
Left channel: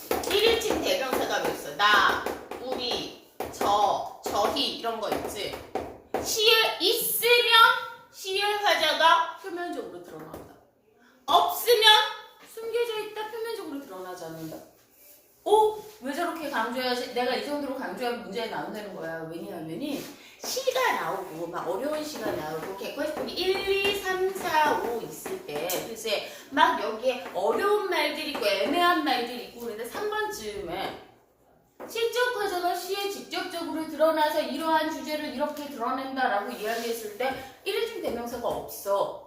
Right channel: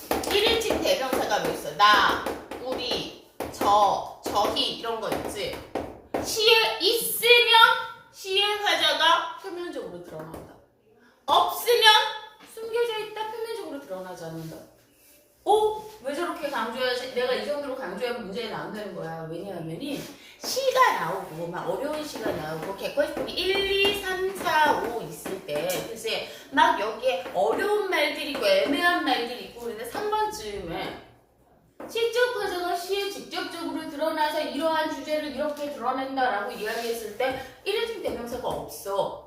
1인칭 대명사가 뭐 있어? 나, 우리, 저희 이런 거 있지? 시에 있으면 시의 화자가 표면적으로 드러난다. 없으면 숨겨져 있다 표면적으로 드러나지 않는다. 오? 왜 저렇게 강조해야지? 내가 이 정도로 강조하면 문제가 나온다는 거야. 왜냐하면은 시가 나오고 막 어려운 시가 나오고 객관식이 1, 2, 3, 4, 5 있을 때 글쎄 막 여기에 어려운 말들이 있고 애매한 말들이 있고 그런데 3번쯤에 시적 화자가 시에 직접적으로 드러나서 이러한 주제를 이렇게 드러낸다라고 이야기했을 때 1인칭 대명사가 없어.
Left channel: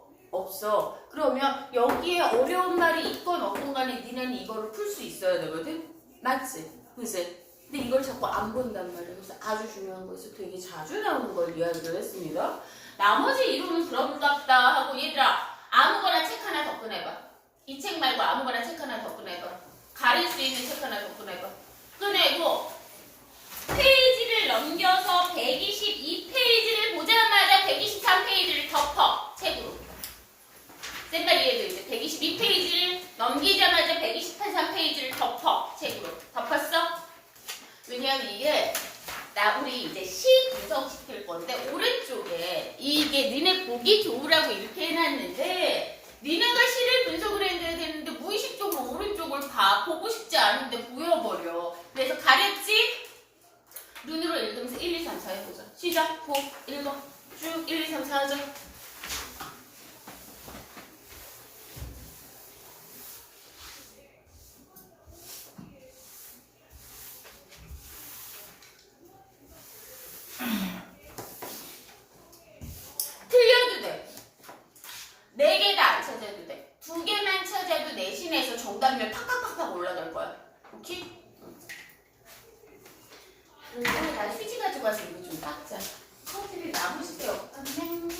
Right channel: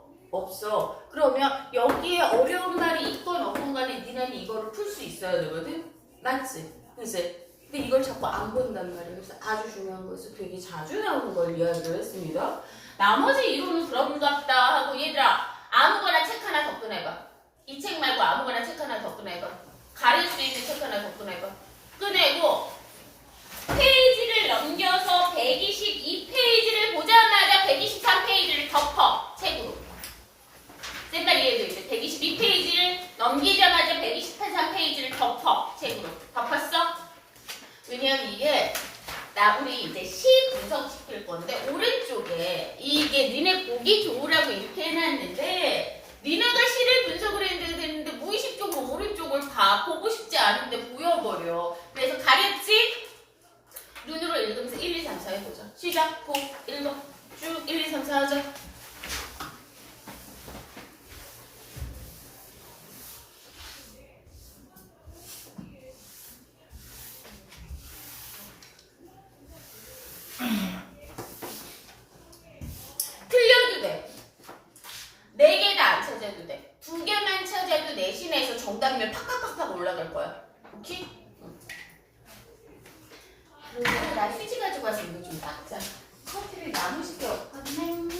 그러면 여기에 어려운 말이 있건 없건 간에 니네는 이거를 풀 수 있어야 되거든? 맞지? 그치? 근데 이걸 자꾸 안 본단 말이에요. 그래서 아주 중요한 것을 되게 자주 나오는 걸 이야기를 했습니다. 나머지 이론은 그런갑다 하고 얘들아 아무거나 책 하나 접근해봐. 이 책 말고 아무거나 책 하나 접근해봐. 가릴 수 있는 책 하나 접근해봐. 꺼내고 페이지를 넘겨서 122페이지를 보자마자 123페이지를 덮어. 책으로. 쌤빨리 얘도 이제 122페이지를 넘기자마자 123페이지를 덮어. 책으로. 덮었어? 왜냐면 이게 우리 이제 시 분석시킬 건데 오른쪽에 이게 니네 보기 좋으라고 이렇게 해놨는데 니네가 시를 분석을 해야 되는데 무의식적으로 오른쪽을 봐. 보고 싶지 않은데 보여버려. 그래서 가렸지? 눈으로 읽으면서 1, 2, 3, 4 해보자. 시작. 보. 읽어. 쭉 1, 2, 3, 4 하자. 틀려도 돼. 4개 다 안 찾아도 돼. 2개만 찾아도 내신에서 정답률 팍팍팍팍 올라갈 거야. 오케이? 그리고 나 휴지 가져가서 이거 좀 닦자. 커피를 남으실 게 없거든.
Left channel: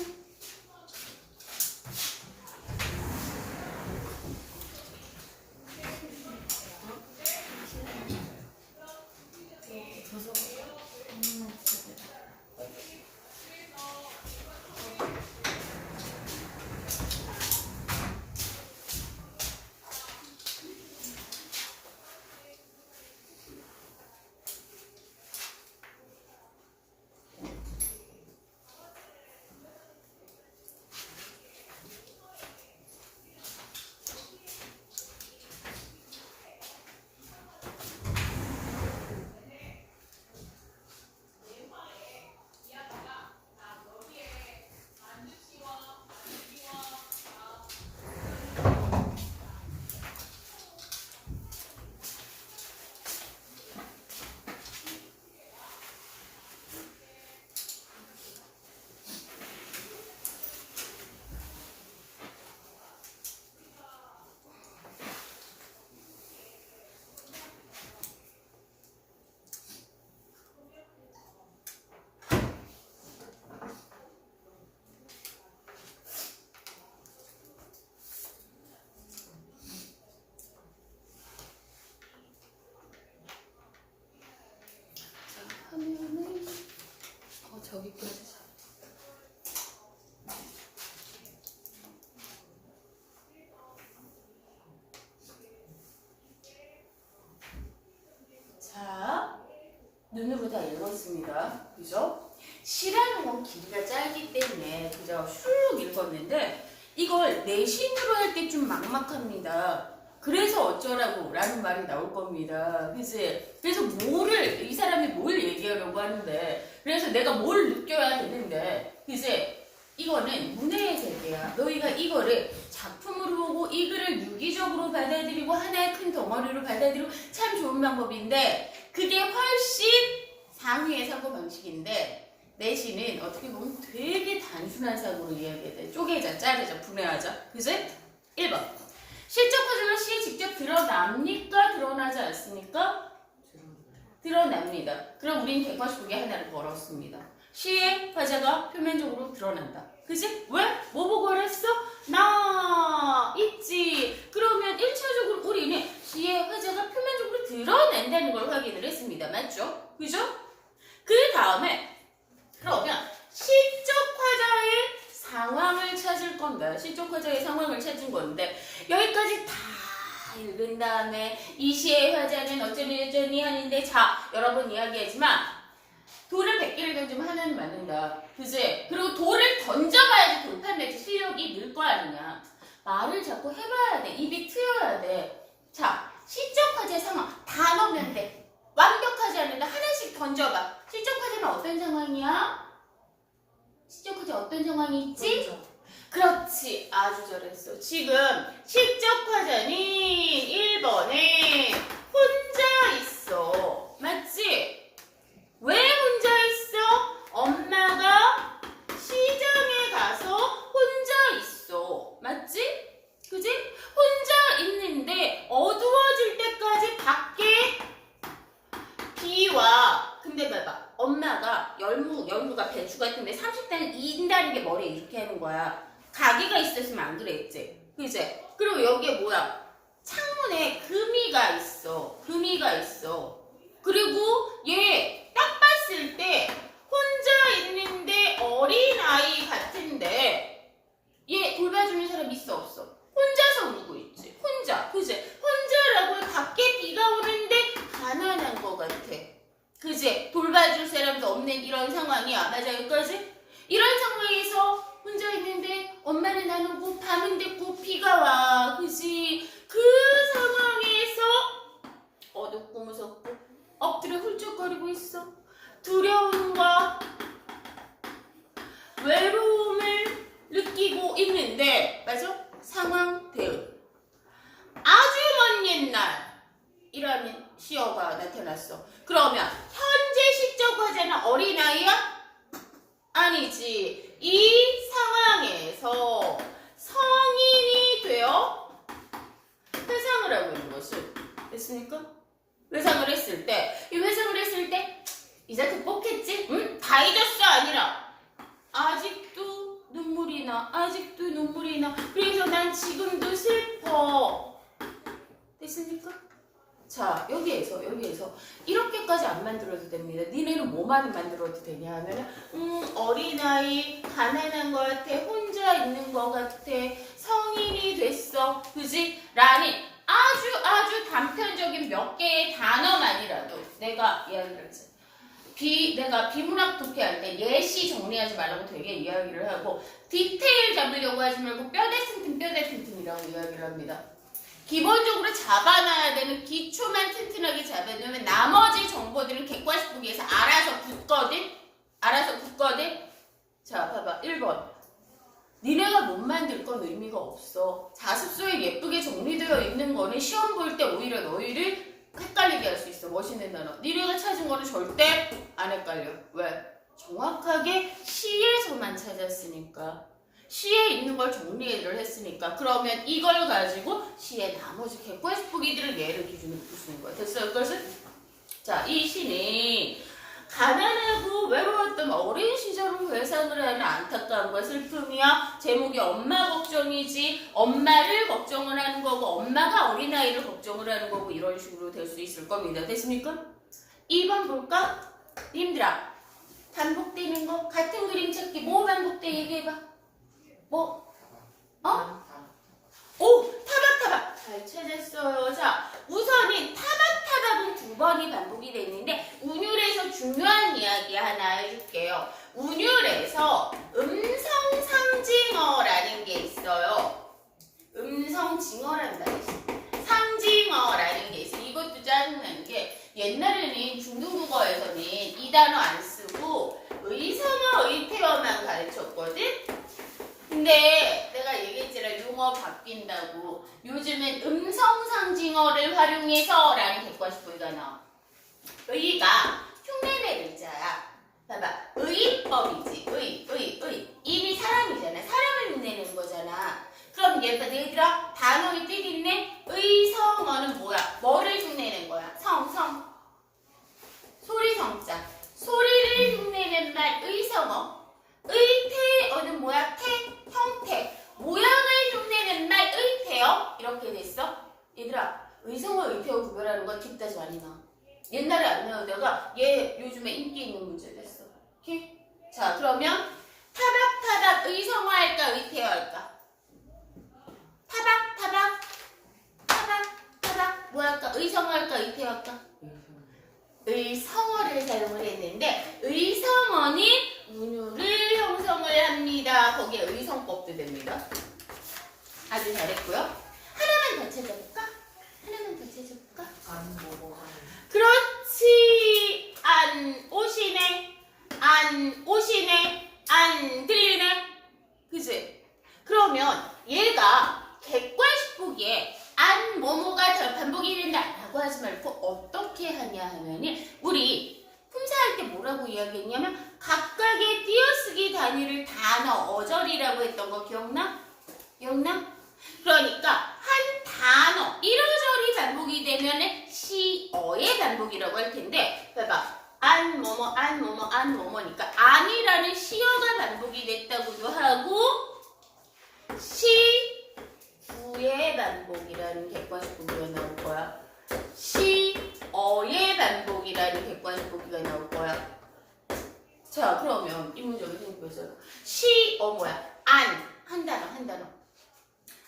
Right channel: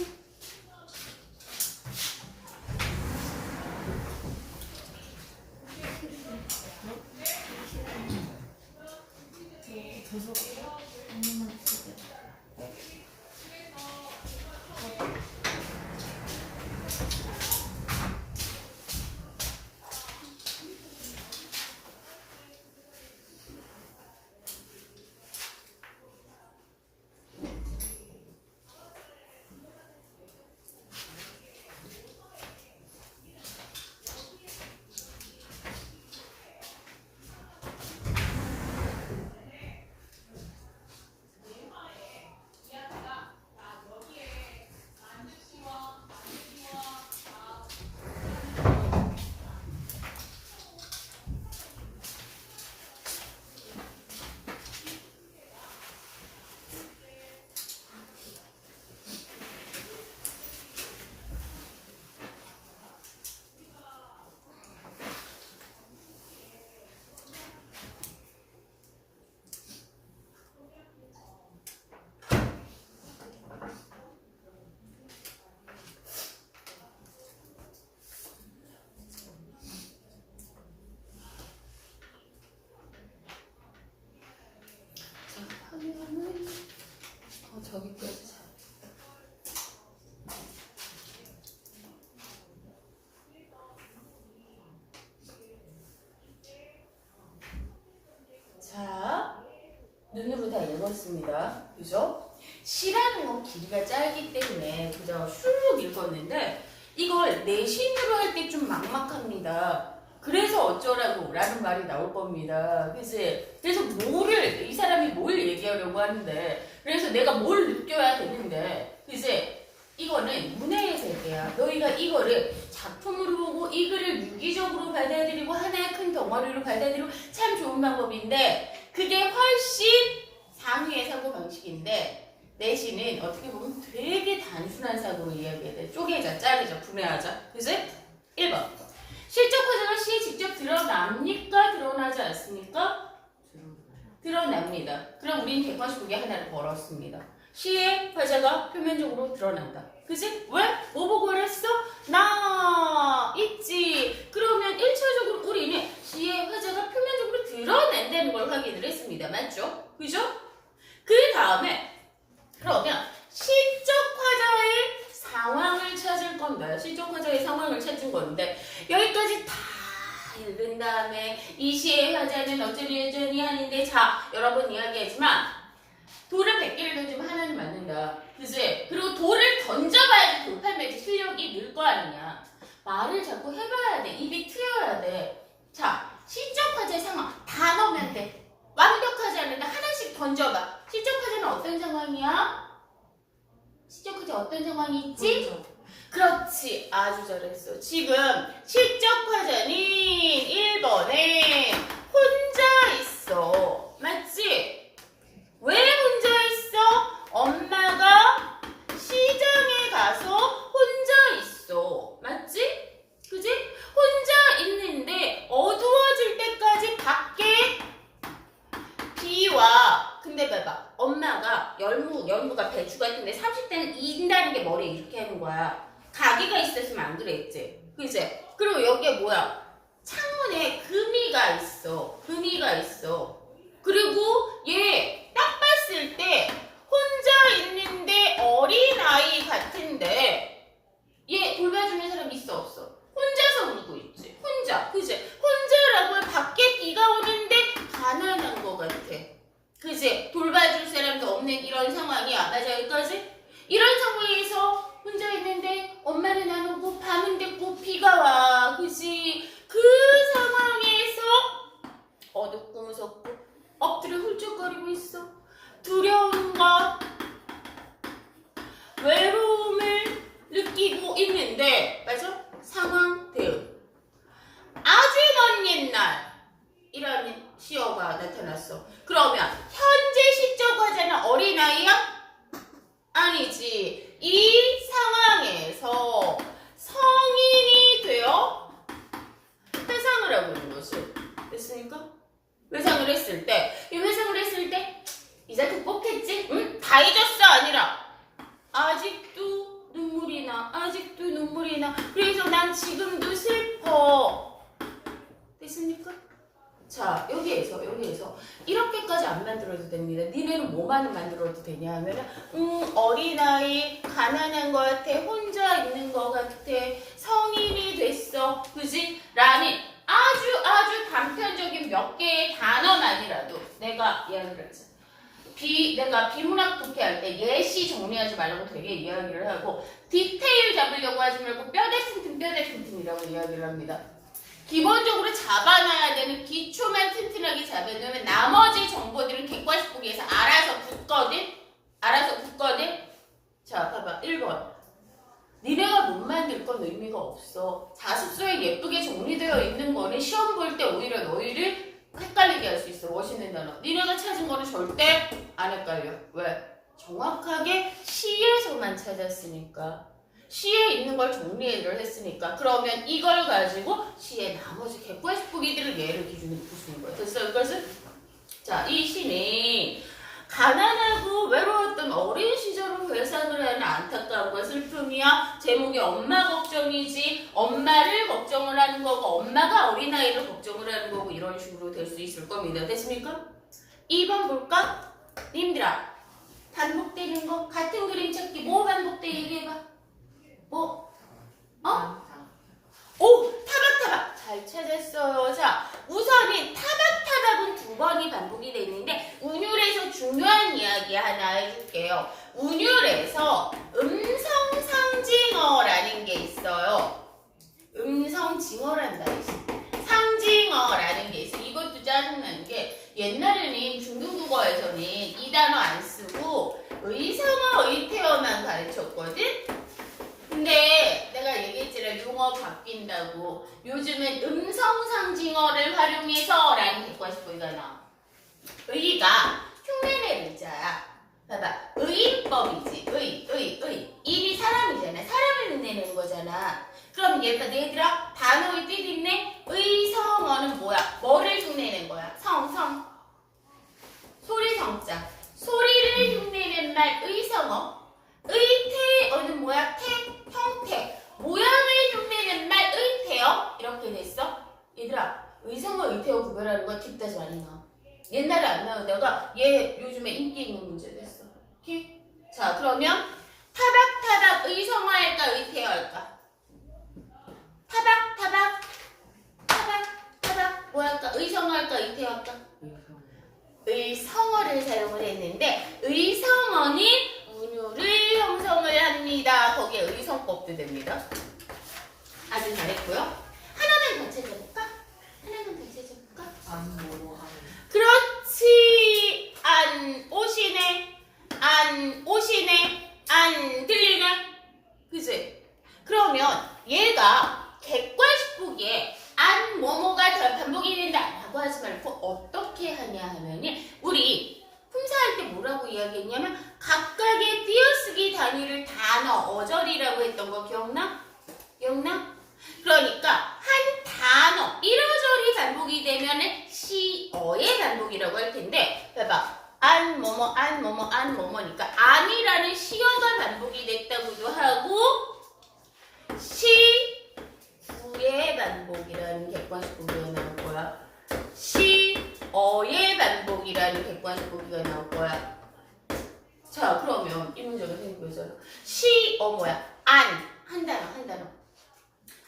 읽었습니다. 그죠? 시라는 건 길이가 짧기 때문에 그저 슉 읽었는데 이걸 내신으로 할 때 좀 막막합니다. 그래서 어쩌라고 라는 말이 나올 겁니다. 그래서 이 사람이 뭘 얘기하려고 하는데, 그래서 내가 뭘 느껴야 되는데, 이거는 문해의 세계야. 너희가 이거를 작품으로 보고 이 글을 유기적으로 받아들이고 하나의 큰 덩어리로 받아들이고 참 좋은 방법인데, 그게 훨씬 상위의 사고방식인데, 내신은 어떻게 보면 되게 단순한 사고로 이야기해야 돼. 쪼개자, 자르자, 분해하자. 그지? 1번. 실적 과정은 시에 직접 드러납니까? 드러나지 않습니까? 드러납니다. 그럼 우리는 객관식국에 하나를 걸었습니다. 시의 화자가 표면적으로 드러난다. 그지? 왜? 뭐 보고 그랬어? 나 있지. 그러면 1차적으로 우리는 시의 화자가 표면적으로 드러난다는 걸 확인을 했습니다. 맞죠? 그죠? 그 다음에 그러면 시적 화자의 상황을 찾을 건데, 시적 화자의 상황을 찾은 건데, 여기까지 다 읽은 다음에 이 시의 화자는 어쩌니 저쩌니 하는데, 자, 여러 번 이야기하지만 돌을 100개를 던지면 하나는 맞는다. 그지? 그리고 돌을 던져봐야지 돌팔매지 실력이 늘 거 아니냐. 말을 자꾸 해봐야 돼. 입이 트여야 돼. 자, 시적 화자의 상황 다 넣으면 돼. 완벽하지 않은데 하나씩 던져봐. 시적 화자는 어떤 상황이야? 시적 화자 어떤 상황이 있지? 그렇지. 아주 잘했어. 지금 시적 화자는 1번에 혼자 있어. 맞지? 왜 혼자 있어? 엄마가 시장에 가서 혼자 있어. 맞지? 그지? 혼자 있는데 어두워질 때까지 밖에 비와. 근데 봐봐. 엄마가 열무가 배추 같은데 30단 인다는 게 머리에 이렇게 하는 거야. 가게가 있었으면 안 그랬지. 그지? 그리고 여기에 뭐야? 창문에 금이가 있어. 금이가 있어. 그리고 얘 딱 봤을 때 혼자 있는데 어린아이 같은데 얘 돌봐주는 사람 있어 없어? 혼자서 울고 있지. 혼자. 그지? 혼자라고 밖에 비가 오는데 가난한 거 같아. 그지? 돌봐줄 사람도 없는 이런 상황이야. 맞아, 여기까지? 이런 상황에서 혼자 있는데 엄마는 안 오고 밤은 됐고 비가 와. 그지? 그 상황에서 어둡고 무섭고 엎드려 훌쩍거리고 있어. 두려움과 외로움을 느끼고 있는데, 맞아? 상황 대응. 아주 먼 옛날 이라는 시어가 나타났어. 그러면 현재 시적 화자는 어린아이야? 아니지. 이 상황에서 성인이 되어 회상을 하고 있는 것이 됐습니까? 회상을 했을 때, 이 회상을 했을 때 이제 극복했지? 응? 다 잊었어? 아니라 아직도 눈물이 나. 아직도 눈물이 나. 그래서 난 지금도 슬퍼. 됐습니까? 자, 여기에서 이렇게까지 안 만들어도 됩니다. 니네는 뭐만 만들어도 되냐 하면은 어린아이, 가난한 것 같아, 혼자 있는 것 같아, 성인이 됐어, 그지? 라는 아주 단편적인 몇 개의 단어만이라도 내가 이야기를 했어. 내가 비문학 도피할 때 예시 정리하지 말라고 되게 이야기를 하고, 디테일 잡으려고 하지 말고 뼈대 튼튼이라고 이야기를 합니다. 기본적으로 잡아놔야 되는 기초만 튼튼하게 잡아놓으면 나머지 정보들은 객관식 보기에서 알아서 붙거든? 자, 봐봐. 1번. 니네가 못 만들 건 의미가 없어. 자습서에 예쁘게 정리되어 있는 거는 시험 볼 때 오히려 너희를 헷갈리게 할 수 있어. 멋있는 단어. 니네가 찾은 거는 절대 안 헷갈려. 왜? 정확하게 시에서만 찾았으니까. 시에 있는 걸 정리를 했으니까. 그러면 이걸 가지고 시의 나머지 객관식 보기들을 얘를 기준으로 볼 수 있는 거야. 됐어? 이것은? 자, 이 시는 가난하고 외로웠던 어린 시절을 회상을 하는 안타까움과 슬픔이야. 제목이 엄마 걱정이지, 엄마를 걱정을 하는 거고 엄마가 어린아이를 걱정을 하는 거고, 이런 식으로 될 수 있을 겁니다. 됐습니까? 2번 볼까? 님들아, 반복되는 거 같은 그림 찾기 뭐 반복돼? 얘기해봐. 뭐? 오, 타박. 잘 찾았어요. 자, 우선은 타박타박은 두 번이 반복이 됐는데 운율에서 중요한 이야기 하나 해줄게요. 운율에서 음성상징어라는 게 있어요. 음성징어란다 했어. 상징어라는 게 있어. 이것도 짜증나는 게 옛날에는 중등국어에서는 이 단어 안 쓰고 의성어, 의태어만 가르쳤거든? 근데 내가 얘기했잖아. 용어 바뀐다고. 요즘은 음성상징어를 활용해서 라는 객관식보기가 나와. 의가 흉내낼 의자야. 봐봐. 의인법이지. 의. 인이 사람이잖아. 사람을 흉내내는 거잖아. 그럼 얘들아 단어의 뜻 있네. 의성어는 뭐야? 뭐를 흉내낸 거야? 성. 소리 성자. 소리를 흉내낸 말 의성어. 의태어는 뭐야? 형태. 모양을 흉내낸 말 의태어. 이렇게 됐어. 얘들아 의성어 의태어 구별하는 거 딥다시 많이 나와. 옛날에 안 나오다가 얘 요즘에 인기 있는 문제 됐어. 오케이? 자, 그러면 타박타박 의성어 할까 의태어 할까? 타박 뭐 할까? 의성어 할까 의태어 할까? 의성어를 사용을 했는데 의성어는 운율을 형성을 합니다. 거기에 의성법도 됩니다. 아주 잘했고요. 하나만 더 찾아볼까? 그렇지. 안 오시네. 안 들리네. 그치? 그러면 얘가 객관식 보기에 안 뭐뭐가 반복이 된다라고 하지 말고 어떻게 하냐 하면은 우리 품사할 때 뭐라고 이야기했냐면 각각의 띄어쓰기 단위를 단어, 어절이라고 했던 거 기억나? 그러니까 한 단어, 이어절이 반복이 되면은 시어의 반복이라고 할 텐데 봐봐. 안 뭐뭐니까 안이라는 시어가 반복이 됐다고도 하고 시구의 반복이라는 객관식 보기가 나올 거야. 시어의 반복이라는 객관식 보기가 나올 거야. 자, 그러면 이 문제가 생겨서 시어 뭐야? 한 단어.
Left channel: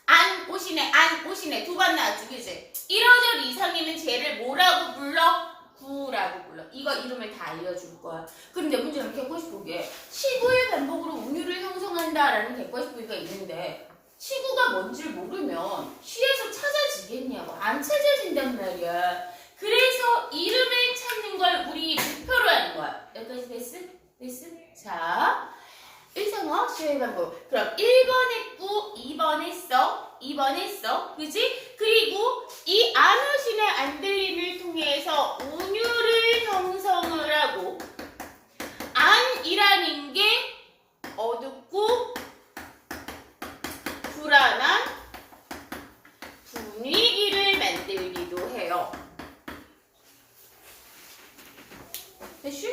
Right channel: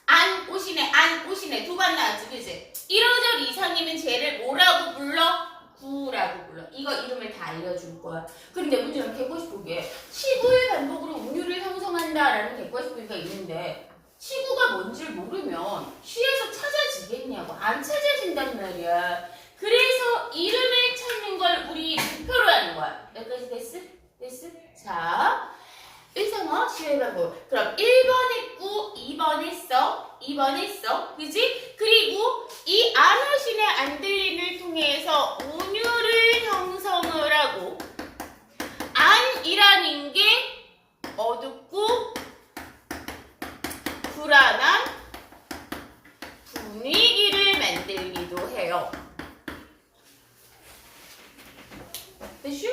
안 오시네 두 번 나왔지, 그치? 1어절 이상이면 쟤를 뭐라고 불러? 구라고 불러. 이거 이름을 다 알려줄 거야. 그런데 문제는 객관식 보기에 시구의 반복으로 운율을 형성한다라는 객관식 보기가 있는데 시구가 뭔지를 모르면 시에서 찾아지겠냐고. 안 찾아진단 말이야. 그래서 이름을 찾는 걸 우리 표로 하는 거야. 여기까지 됐어? 자, 의성어 시의 반복. 그럼 1번 했고 2번 했어. 그지? 그리고 이 안 오시네 안 들림을 통해서 운율을 형성을 하고 안이라는 게 어둡고 불안한 분위기를 만들기도 해요. 됐슈?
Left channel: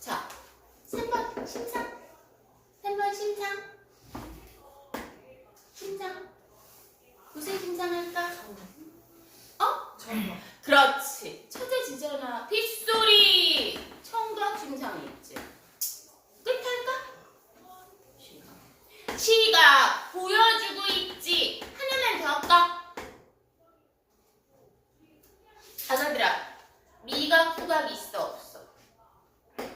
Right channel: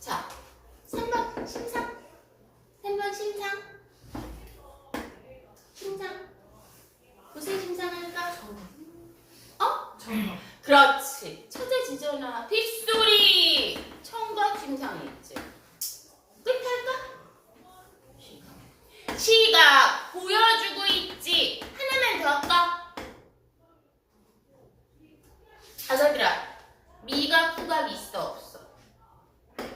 자, 3번 심상. 무슨 심상할까? 정답. 그렇지. 찾아지잖아. 빗소리. 청각 심상이 있지. 끝할까? 시가 보여주고 있지. 하나만 더 할까? 아저들아, 미각, 후각 있어 없어?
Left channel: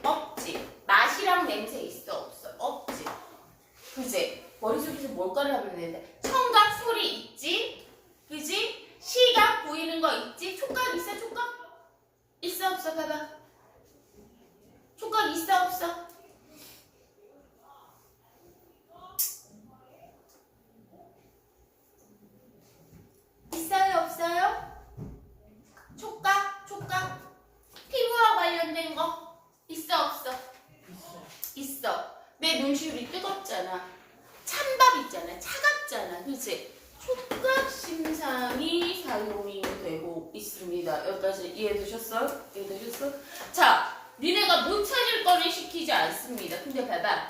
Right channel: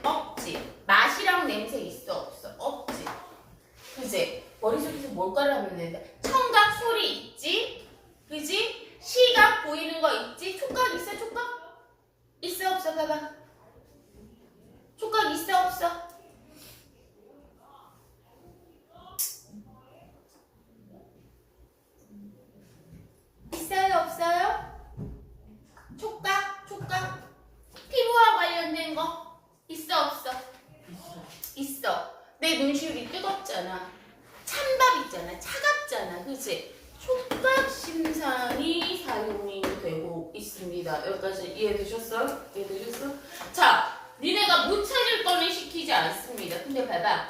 없지. 맛이랑 냄새 있어 없어? 없지. 그지? 머릿속에서 뭘까를 하면 되는데 청각, 소리 있지? 그지? 시각 보이는 거 있지? 촉각 있어? 촉각? 있어 없어? 봐봐. 촉각 있어 없어? 있어요 없어요? 촉각? 피부와 관련된 거 있어 없어? 있어. 내 눈시울이 뜨겁잖아. 찬밥 있잖아. 차갑잖아. 그치? 촉각 심상이 사용이 되고 있습니다. 여기까지 이해되셨어? 자, 니네가 못 찾을 거를 시키지 않습니다. 근데 봐봐.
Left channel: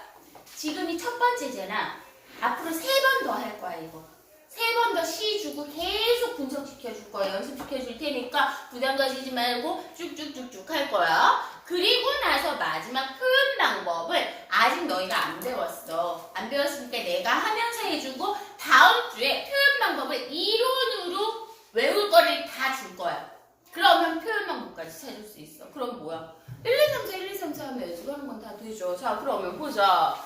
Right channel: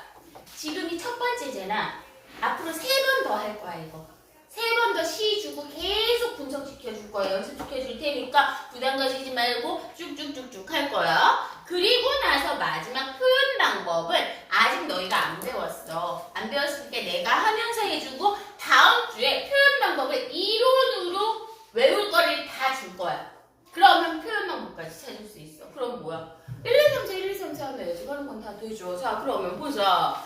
지금이 첫 번째잖아. 앞으로 3번 더 할 거야, 이거. 3번 더 시 주고 계속 분석시켜 줄 거야. 연습시켜 줄 테니까 부담 가지지 말고 쭉쭉쭉쭉 할 거야. 그리고 나서 마지막 표현 방법은 아직 너희가 안 배웠어. 안 배웠으니까 내가 하면서 해주고 다음 주에 표현 방법을 이론으로 외울 거를 다 줄 거야. 그러면 표현 방법까지 찾을 수 있어. 그럼 뭐야? 1, 2, 3, 4, 1, 2, 3, 4 하면 예습하는 건 다 되죠. 자, 그러면 보자.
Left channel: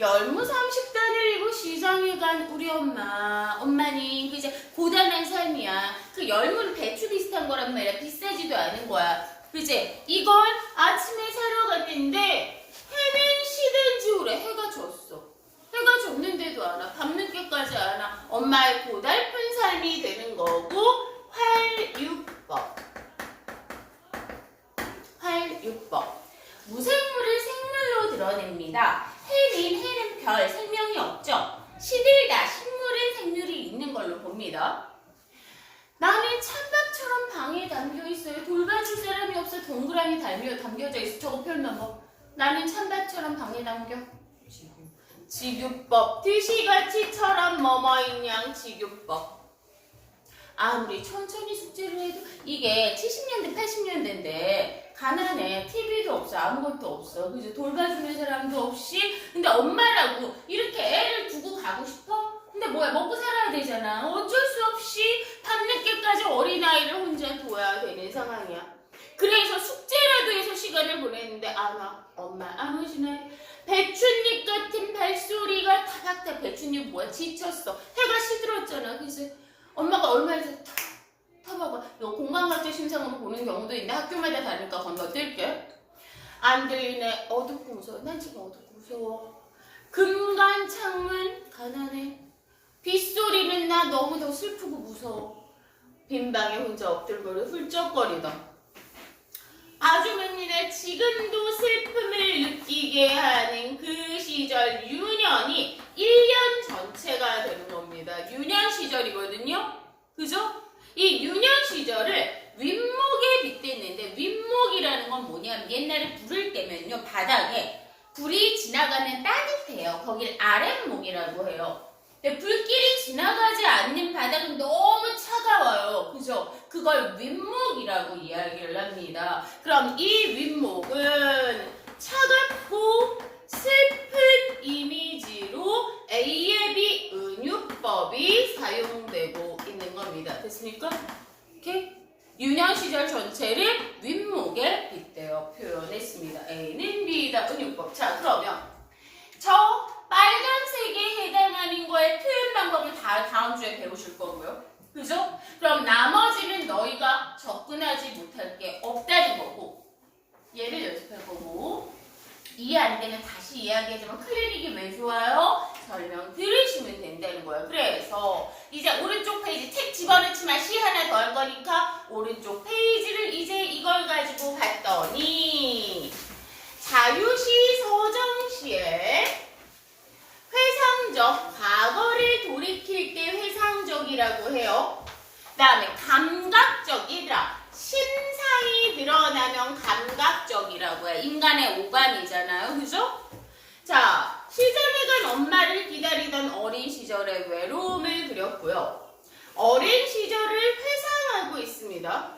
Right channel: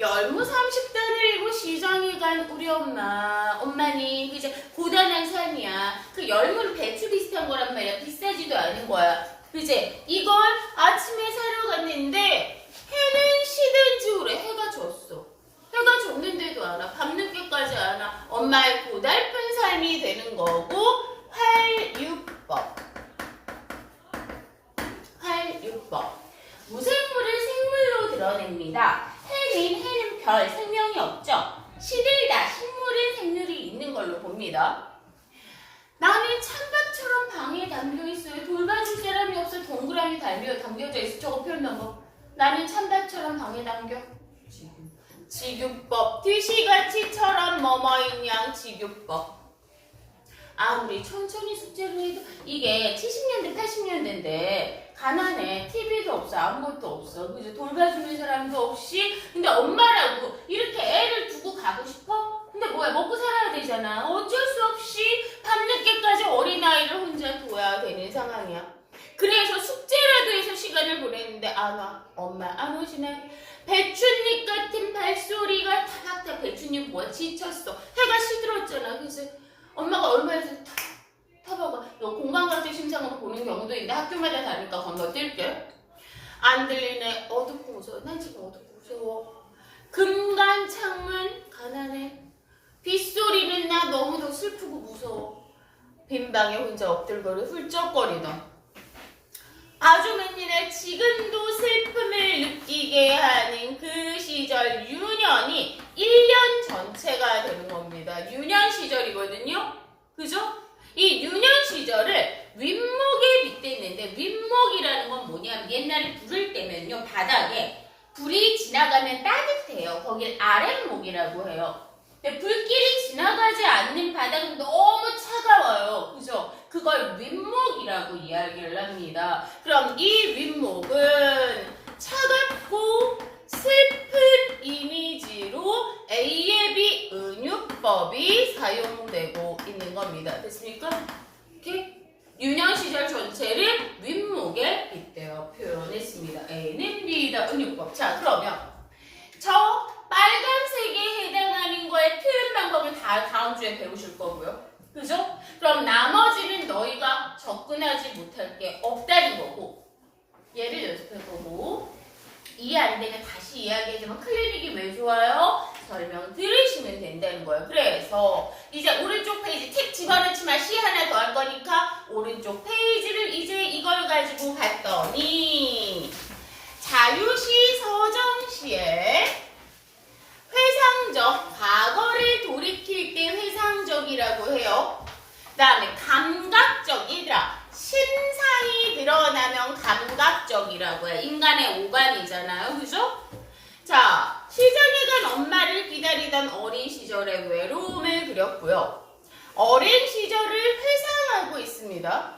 열무 30단을 이고 시장에 간 우리 엄마는 그제 고단한 삶이야. 그 열무는 배추 비슷한 거란 말이야. 비싸지도 않은 거야. 그제 이걸 아침에 사러 갔는데 해는 시든지 오래. 해가 졌어. 해가 졌는데도 안 와. 밤늦게까지 안 와. 엄마의 고달픈 삶이 되는 거고 활육법. 무생물을 생물로 드러냅니다. 해는 별, 생명이 없죠. 시들다, 식물의 생물이 있는 걸로 봅니다. 나는 찬밥처럼 방에 담겨있어요. 돌봐줄 사람이 없어. 동그라미 담겨져 있어. 저거 표현 방법. 나는 찬밥처럼 방에 담겨. 직유법. 드시가치처럼 뭐뭐인 양 직유법. 아무리 천천히 숙제를 해도 이게 70년대, 80년대인데 가난해. TV도 없어. 아무것도 없어. 그죠? 돌봐주는 사람도 없이. 근데 엄마라고 이렇게 애를 두고 가고 싶어? 근데 뭐야? 먹고 살아야 되잖아. 어쩔 수 없이 밤늦게까지 어린아이를 혼자 둬야 되는 상황이야. 그래서 숙제라도 해서 시간을 보냈는데 안 와. 엄마 안 오시네. 배춧잎 같은 발소리가 타닥타닥. 배춧잎 뭐야? 지쳤어. 해가 시들었잖아. 그래서 엄마가 얼마나 타봐봐. 이거 공간과정 심상으로 보는 경우도 있는데 학교마다 다르니까 건너뛸게. 안 들리네. 어둡고 무서워. 난 지금 어둡고 무서워. 금간 창문 가난해. 빗소리는 나 너무 더 슬프고 무서워. 빈방에 혼자 엎들거려 훌쩍거리던 아주 맹민의 지금도 슬픔을 느끼게 하는 그 시절 유년이 1년 전체가 되는 겁니다. 유년 시절이거든요. 그죠? 이 유년 시절을 윗목에 빗댔는데 윗목이라는 건 뭐냐면 옛날에 불을 때면요. 바닥에 불이 지나가면 따뜻해요. 거길 아랫목이라고 해요. 근데 불길이 지나가지 않는 바닥은 너무 차가워요. 그죠? 그걸 윗목이라고 이야기를 합니다. 그럼 이 윗목은 차갑고 슬픈 이미지로 A예비 은유법이 사용되고 있는 겁니다. 됐습니까? 이렇게 유년 시절 전체를 윗목에 빗대어 표현했습니다. A는 B다 은유법. 자, 그러면 저 빨간색에 해당하는 거의 표현 방법을 다 다음 주에 배우실 거고요. 그죠? 그럼 나머지는 너희가 접근하지 못할 게 없다는 거고 얘를 연습할 거고 이해 안 되면 다시 이야기하지만 클리닉이 왜 좋아요? 설명 들으시면 된다는 거예요. 그래서 이제 오른쪽 페이지 책 집어넣지만 시 하나 더 할 거니까 오른쪽 페이지를 이제 이걸 가지고 봤더니 자유시 서정시에 회상적, 과거를 돌이킬 때 회상적이라고 해요. 그 다음에 감각적, 얘들아 신상이 드러나면 감각적이라고 해. 인간의 오감이잖아요. 그죠? 자, 시장에 간 엄마를 기다리던 어린 시절의 외로움을 그렸고요. 어린 시절을 회상하고 있습니다.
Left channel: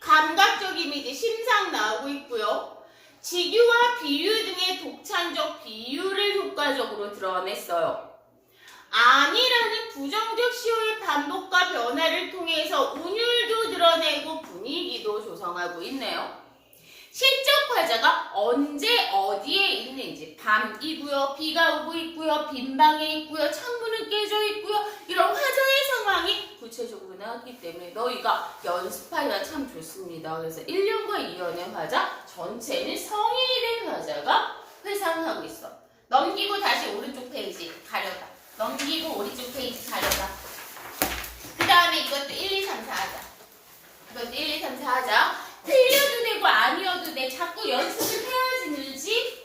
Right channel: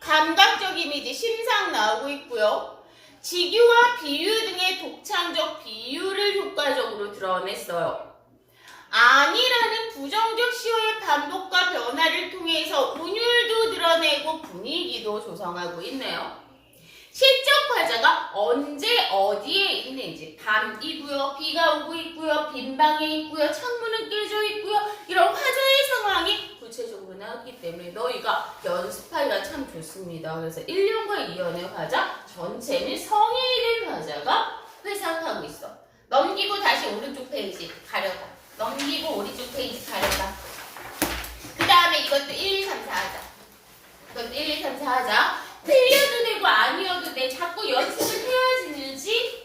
감각적 이미지, 심상 나오고 있고요. 직유와 비유 등의 독창적 비유를 효과적으로 드러냈어요. 아니라는 부정적 시호의 반복과 변화를 통해서 운율도 드러내고 분위기도 조성하고 있네요. 시적 화자가 언제 어디에 있는지 밤이고요. 비가 오고 있고요. 빈방에 있고요. 창문은 깨져 있고요. 이런 화자의 상황이 구체적으로 나왔기 때문에 너희가 연습하기가 참 좋습니다. 그래서 1년과 2년의 화자 전체는 성인이 된 화자가 회상하고 있어. 넘기고 다시 오른쪽 페이지 가려봐. 넘기고 오른쪽 페이지 가려봐. 그 다음에 이것도 1, 2, 3, 4 하자. 이것도 1, 2, 3, 4 하자. 틀려도 되고 아니어도 돼. 자꾸 연습을 해야지 늘지.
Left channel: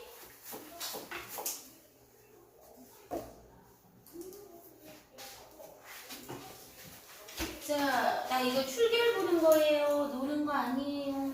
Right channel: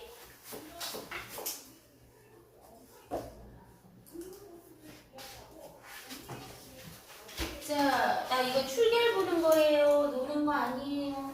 자, 나 이거 출결 보는 거예요. 노는 거 아니에요.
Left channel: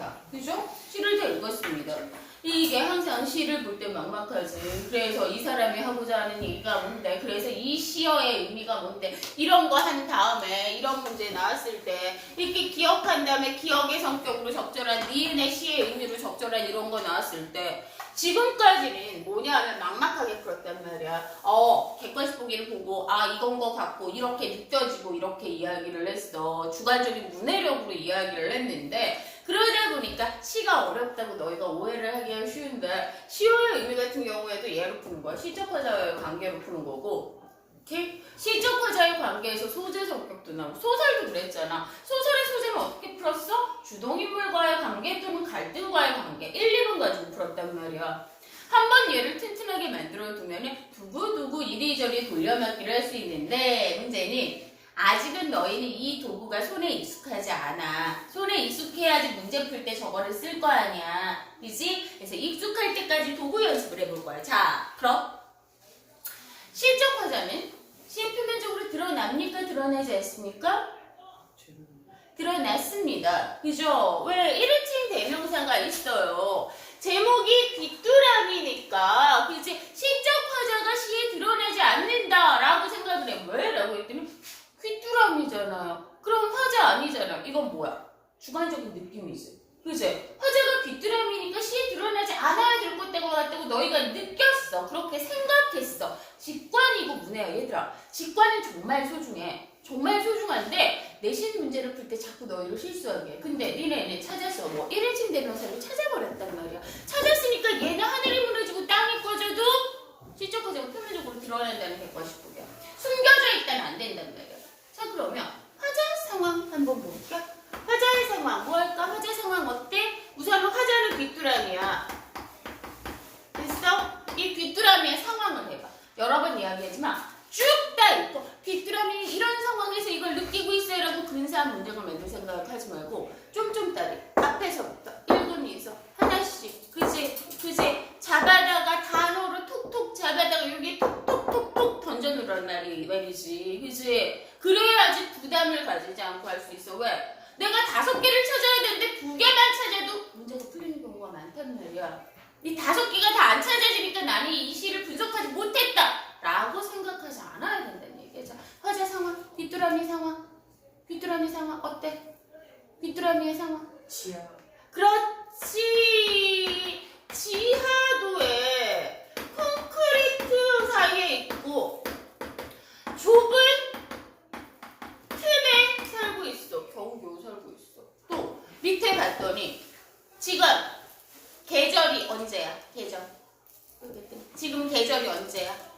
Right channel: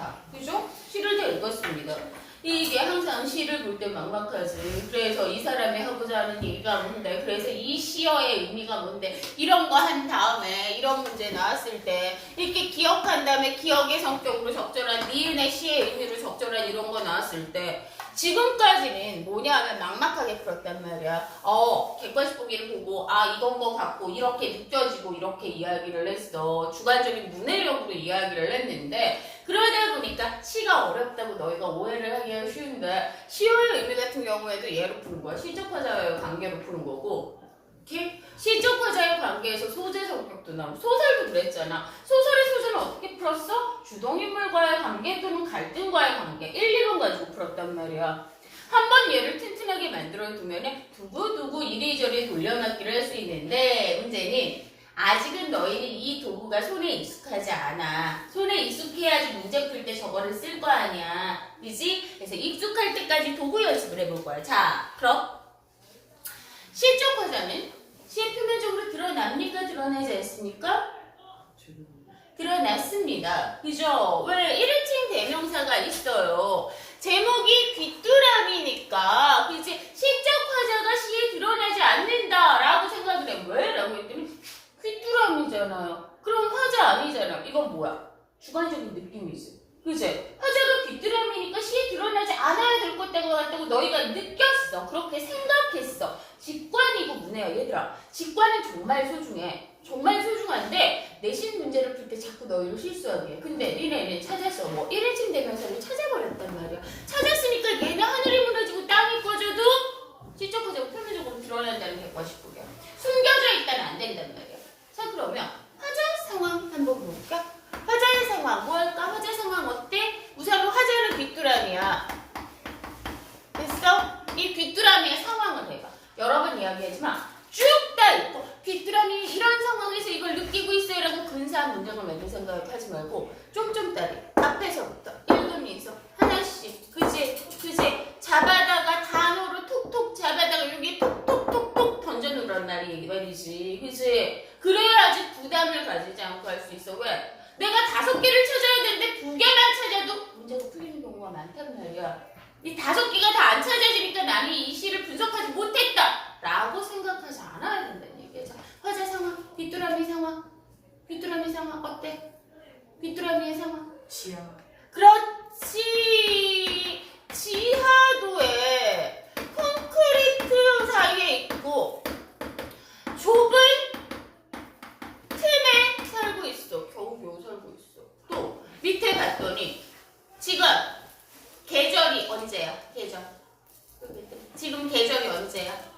다. 그죠? 시를 다 읽었습니다. 이게 항상 시를 볼 때 막막하지. 그래서 이 사람이 하고자 하는 얘기가 뭔데, 그래서 이 시어의 의미가 뭔데, 이런 거 한 다음에 이런 문제 나왔을 때 이렇게 기억한 다음에 기억의 성격으로 적절한 니은의 시의 의미로 적절한 이런 거 나왔을 때 지금까지는 뭐냐 하면 막막하게 풀었단 말이야. 객관식 보기를 보고 이건 거 같고 이렇게 느껴지고 이렇게 이야기를 했어. 주관적인 문해력으로 이야기를 했는데 그러다 보니까 시가 어렵다고 너희가 오해를 하기가 쉬운데 시어의 의미 같은 경우에도 얘로 푸는 거야. 시적 화자와의 관계로 푸는 거고 이렇게 시적 화자의 관계에서 소재 성격도 나오고 소설도 그랬잖아. 소설의 소재는 어떻게 풀었어? 주동인물과의 관계 또는 갈등과의 관계 1, 2번 가지고 풀었단 말이야. 한번 얘를 튼튼하게 만들어 두면 두고두고 이리저리 돌려막기를 할 수 있는데 문제는 아직은 너희는 이 도구가 손에 익숙하지 않아. 손에 익숙해야지 문제 풀 때 저거를 쓸 거 아니야. 그지? 그래서 익숙할 때까지 도구 연습을 해볼 거야. 자, 그럼 시적 화자는 시의 표면적으로 드러납니까? 드러나지 않습니까? 드러났습니다. 그죠? 왜 1인칭 대명사가 있어요. 제목이 귀뚜라미니까 그치? 시적 화자가 시에 드러나지 않는다라고 생각을 해. 왜? 라고 했더니 귀뚜라미잖아요. 그러면 화자 아니잖아요. 이건 뭐야? 주관적인 느낌이지. 그치? 화자가 귀뚜라미니까 시에 드러나지 않아야 될 것 같다고 너희가 느꼈어. 그렇게 생각했어. 직관이고 문해야 얘들아. 직관은 정말 소중해. 정말 소중한데 내신 문제를 풀 때 자꾸 너희를 실수하게 해. 근데 니네 찾았어. 뭐 1인칭 대명사를 찾아버렸단 말이야. 찾았으니까 얘는 하늘이 무너지고 땅이 꺼져도 시적 화자가 표면적으로 드러난다는 객관식 보게. 숨겨져 있다면 안 된단 말이야. 자 그러면 화자 상황 한번 볼까? 화자의 상황 뭐 할까? 화자 상황 어때? 우선 화자는 귀뚜라미야. 됐어? 이 귀뚜라미의 상황을 해봐. 여러 번 이야기하지만 쭉 다 읽고 귀뚜라미는 이런 상황에서 이걸 느끼고 있어요 라고 근사한 문장을 만들 생각을 하지 말고 좀 따리 앞에서부터 읽으면서 하나씩 그지 잡아다가 단어로 톡톡 잡아다가 여기 톡톡톡톡 던져놓으란 말이지 그지 그래야지 부담을 가지지 않고 할 수 있어. 왜? 내가 5개를 찾아야 되는데 2개만 찾아도 문제가 풀리는 경우가 많단 말이야. 이 5개가 다 안 찾아지니까 나는 이 시를 분석하지 못했다 라고 생각하지 않아야 된다는 얘기야. 자, 화자 상황, 귀뚜라미 상황 어때? 귀뚜라미의 상황 지하. 그렇지. 지하도에 콘크리트 사이에 있고 좁은 틈에 살고 있어. 겨우 살고 있어. 또 밑에 봤더니 지금 계절이 언제야? 계절. 지금 계절이 언제야?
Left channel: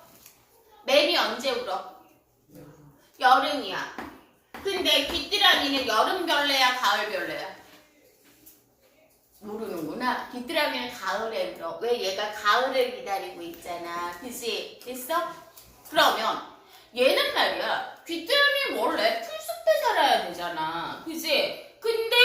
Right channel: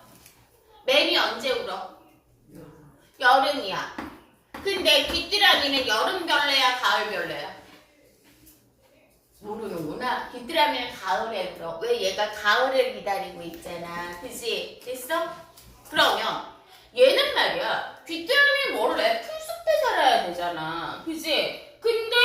매미 언제 울어? 여름이야. 근데 귀뚜라미는 여름벌레야 가을벌레야? 모르는구나. 귀뚜라미는 가을에 울어. 왜? 얘가 가을을 기다리고 있잖아. 그치? 됐어? 그러면 얘는 말이야. 귀뚜라미는 원래 풀숲에 살아야 되잖아. 그치? 근데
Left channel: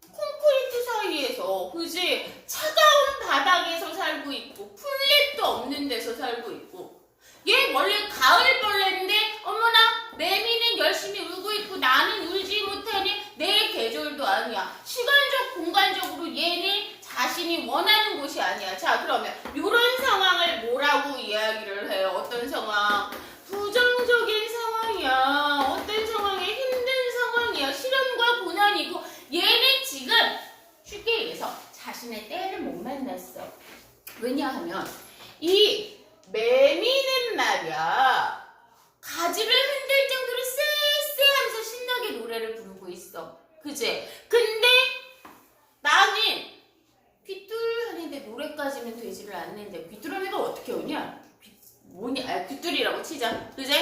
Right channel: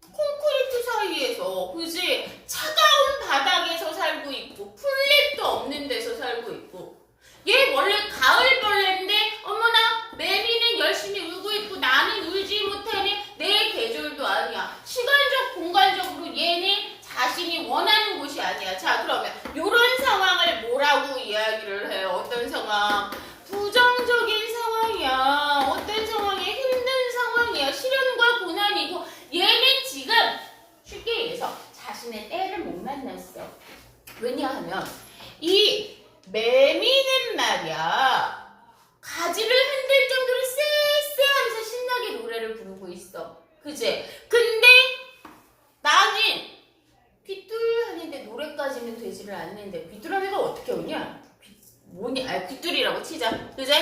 콘크리트 사이에서 그지 차가운 바닥에서 살고 있고 풀잎도 없는 데서 살고 있고 얘 원래 가을벌레인데 어머나 매미는 열심히 울고 있고 나는 울지 못하니 내 계절도 아니야. 시간적 공간적으로 얘는 자신이 원하는 곳이 아니야. 자 그러면 이런 상황을 뭐라고 이야기를 해요? 어떤 상황? 부정적인 상황이야. 어떤 상황이야? 힘든 상황이야. 시련과 고난이고 얘는 지금 쉽게 얘기해서 자신의 때를 못 만났어. 왜냐하면 이 매미는 말이야 가지를 흔들 정도로 쎄쎄하면서 신나게 노래를 부르고 있어. 그치? 근데 나는 귀뚤하는데 노래까지는 되지를 않는데 귀뚜라미가 어떻게 오냐? 뭐냐? 귀뚤이라고 치자. 그치?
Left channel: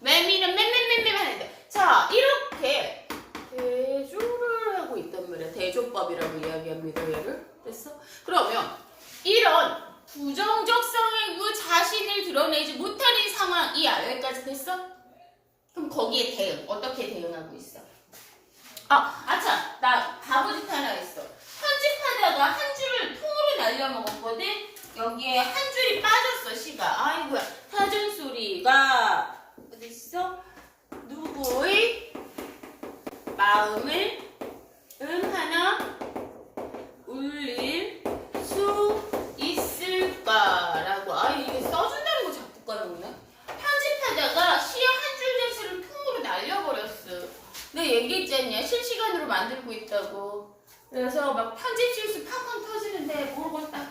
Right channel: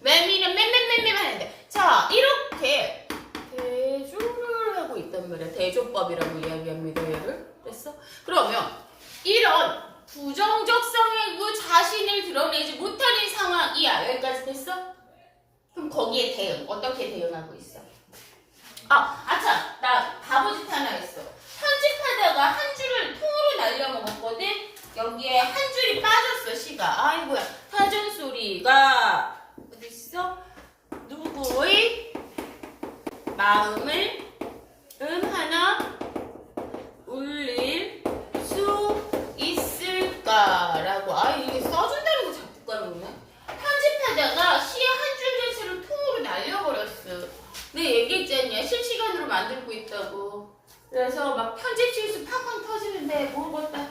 매미는 맴맴맴맴 하는데 자 이렇게 대조를 하고 있단 말이야. 대조법이라고 이야기합니다. 얘를. 됐어? 그러면 이런 부정적 성향이고 자신을 드러내지 못하는 상황이야. 여기까지 됐어? 그럼 거기에 대응. 어떻게 대응하고 있어? 아참. 나 바보짓 하나 했어. 편집하다가 한 줄을 통으로 날려먹었거든? 여기에 한 줄이 빠졌어. 시가. 아이고야. 타전 소리가 어디 있어? 누구의 마음을 하나 얘기했지 않냐? 실시간으로 만들고 있다고. 그래서 막 편집 실수 팡팡 터지는데 모르겠다.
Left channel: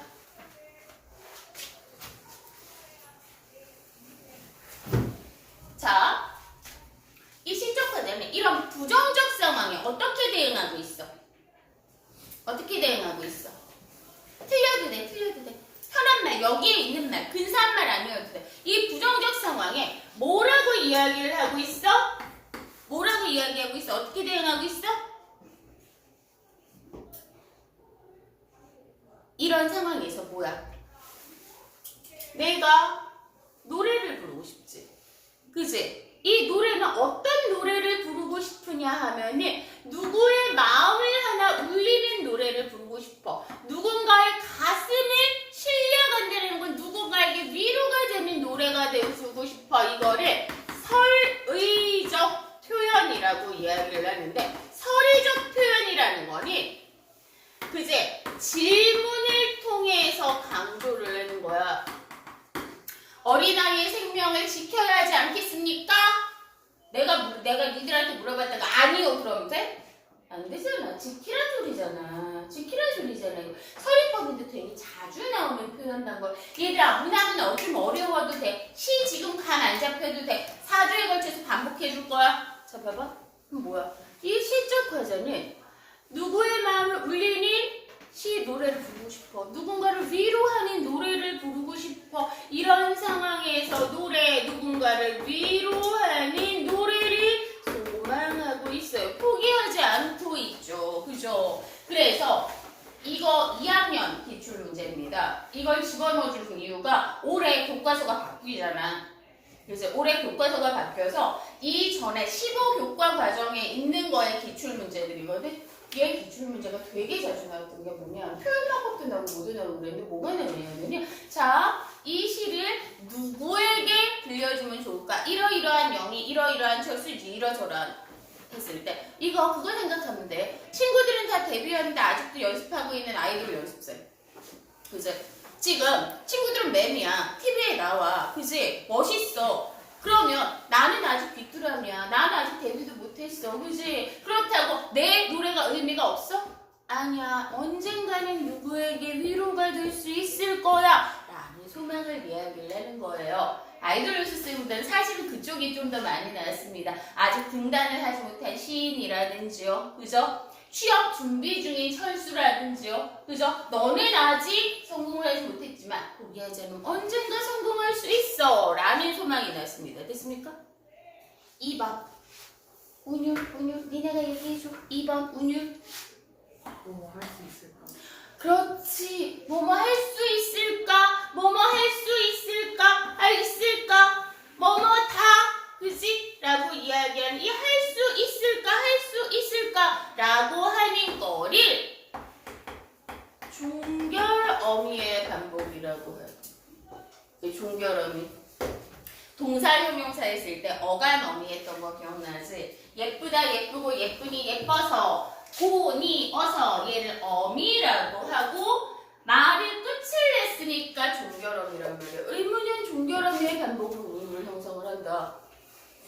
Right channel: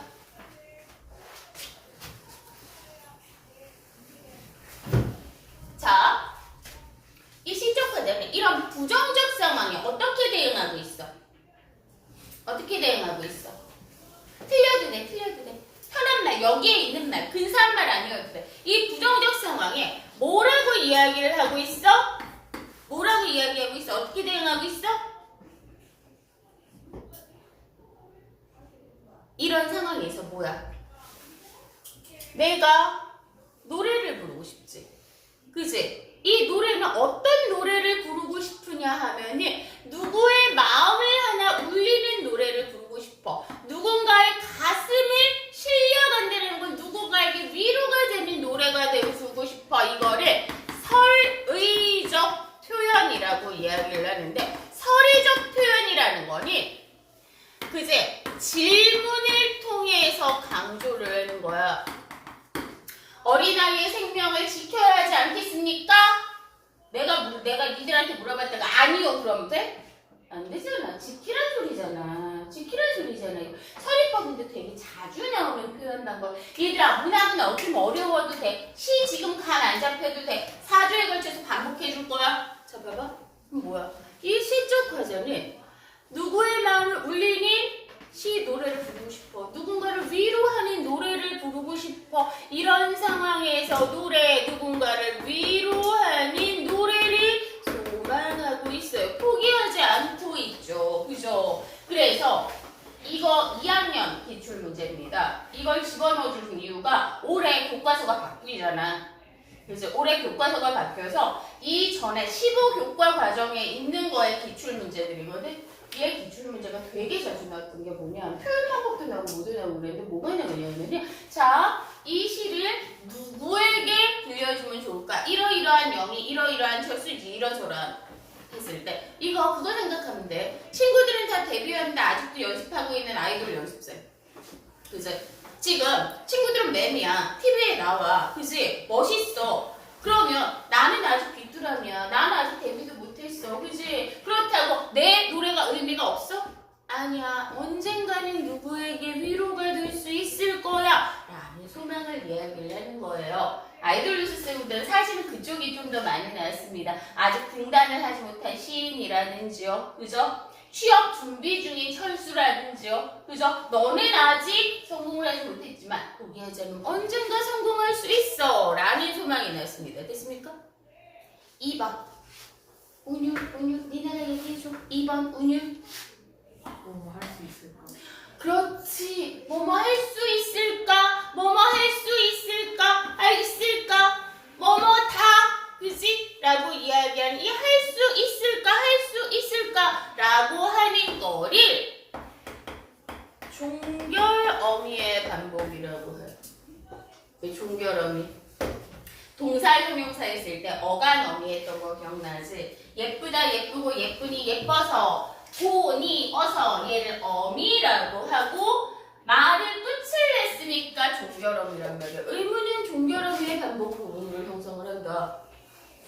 자, 이 시적 과정은 이런 부정적 상황에 어떻게 대응하고 있어? 어떻게 대응하고 있어? 틀려도 돼, 틀려도 돼. 편한 말, 여기에 있는 말, 근사한 말 아니어도 돼. 이 부정적 상황에 뭐라고 이야기를 하고 있어? 뭐라고 이야기하고 있어? 어떻게 대응하고 있어? 이런 상황에서 뭐야? 내가 노래를 부르고 싶지. 그지? 이 노래는 어떤 노래를 부르고 싶으냐 하면은 누구의 마음을 하나 울리는 노래를 부르고 싶어. 누군가의 가슴을 실려간다는 건 누군가에게 위로가 되는 노래가 되고 싶어. 이거를 설의적 표현이라고 이야기를 하는데, 설의적 표현이라는 거는 그제 질문을 통해서 강조를 하는 거야. 어린아이의 생명을 지켜야 하지 않겠습니까? 내가 니들한테 물어봤다가 아니요 그러면 돼? 안 되잖아. 지키란 소리잖아. 지키란 소리잖아요. 서리법인데 되게 자주 나오는 표현단 걸. 얘들아, 문학은 어좀 어려워도 돼. 시 지금 간 안 잡혀도 돼. 4주에 걸쳐서 반복해 줄 거야. 자, 봐봐. 뭐야? 이 시적 과정은 누구의 마음을 울리는 시 노래를 부르고 싶어. 누군가를 위로하는 노래를 부르고 싶어. 이런 상황에서 누군가를 위로하는 노래를 소망하고 있어요. 포기하지 않고 있죠. 그죠? 그래서 이거 2학년 기출문제입니다. 이걸 집어넣어줄 이유가 올해 교과서가 바뀌잖아. 그래서 올해 교과서가 바뀌어서 이전에 15교과 과정에 있는 거에 기출문제들이거든. 얘 기출문제가 되게 자주 나왔던 게 뭐냐, 표현 방법도 나오고 뭐도 나오고 그랬는데 뭐가 나오냐면요, 자, 이 시를 누구에게 들려주면 좋을까? 이러이러한 영이 이러이러한 철수지 이러저러한 했을 때 이거 그거 생각하면 돼. 친구들은 다 데뷔하는데 아직도 연습하고 있는 아이돌 연습생. 그지? 지금 친구들은 맴이야. TV에 나와. 그지? 멋있어. 그러면 나는 아직 귀뚜라미야. 나는 아직 데뷔도 못했어. 그지? 그렇다고 내 노래가 의미가 없어? 아니야. 언젠가는 누구에게 위로가 될 수 있을 거야. 라는 소망을 이야기를 하는 거예요. 아이돌 연습생들은 사실은 그쪽이 좀 더 많이 나왔습니다. 아직 등단을 하지 못한 시인이라든지요. 그죠? 취업 준비 중인 철수라든지요. 그죠? 너는 아직 성공을 하지 못했지만 포기하자면 언젠가 성공할 수 있어. 라는 소망이 났습니다. 됐습니까? 2번. 운율. 니네가 얘기해줘. 2번 운율. 뭐 할 수 있을까? 그렇지. 뭐뭐 할 수 있을까? 뭐뭐 할 수 있을까? 있을까? 뭐뭐 다. 그지? 라고 이야기하는 이 할 수 있을까? 할 수 있을까? 라고 하는 거를 종결어미의 반복이라고 해요. 종결어미. 동사 형용사에 쓸 때 어간어미 했던 거 기억나지? 예쁘다, 예쁘고, 예쁘니, 예뻐서, 고니, 어서 얘를 어미라고 하고 말을 끝을 냈으니까 종결어미란 말이에요. 의문은 종결어미의 반복으로 의문을 형성을 한다.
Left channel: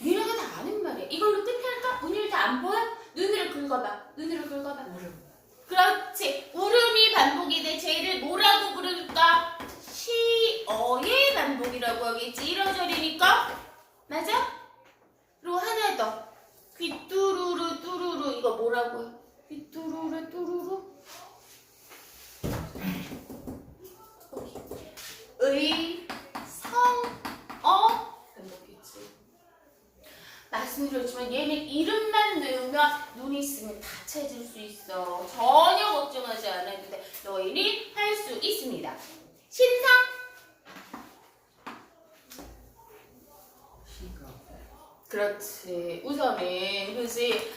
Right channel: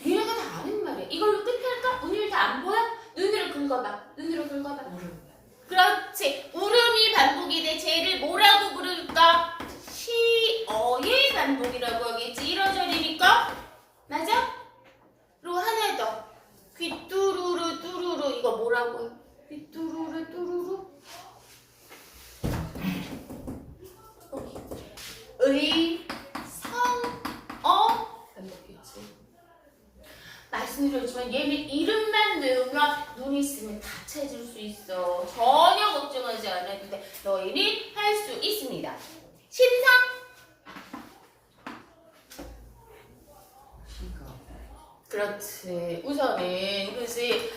니네가 다 아는 말이야. 이걸로 끝낼까? 운율 다 안 보여? 눈으로 긁어봐. 눈으로 긁어봐. 그렇지. 울음이 반복이 돼. 쟤를 뭐라고 부를까? 시어의 반복이라고 하겠지. 이러저리니까. 맞아? 그리고 하나 더. 귀뚜루루 뚜루루. 이거 뭐라고 해? 귀뚜루루 뚜루루. 의, 성, 반복했지. 말씀드렸지만 얘는 이름만 외우면 눈 있으면 다 찾을 수 있어. 전혀 걱정하지 않아도 돼. 너희는 할 수 있습니다. 심상. 그렇지. 우선은 그지.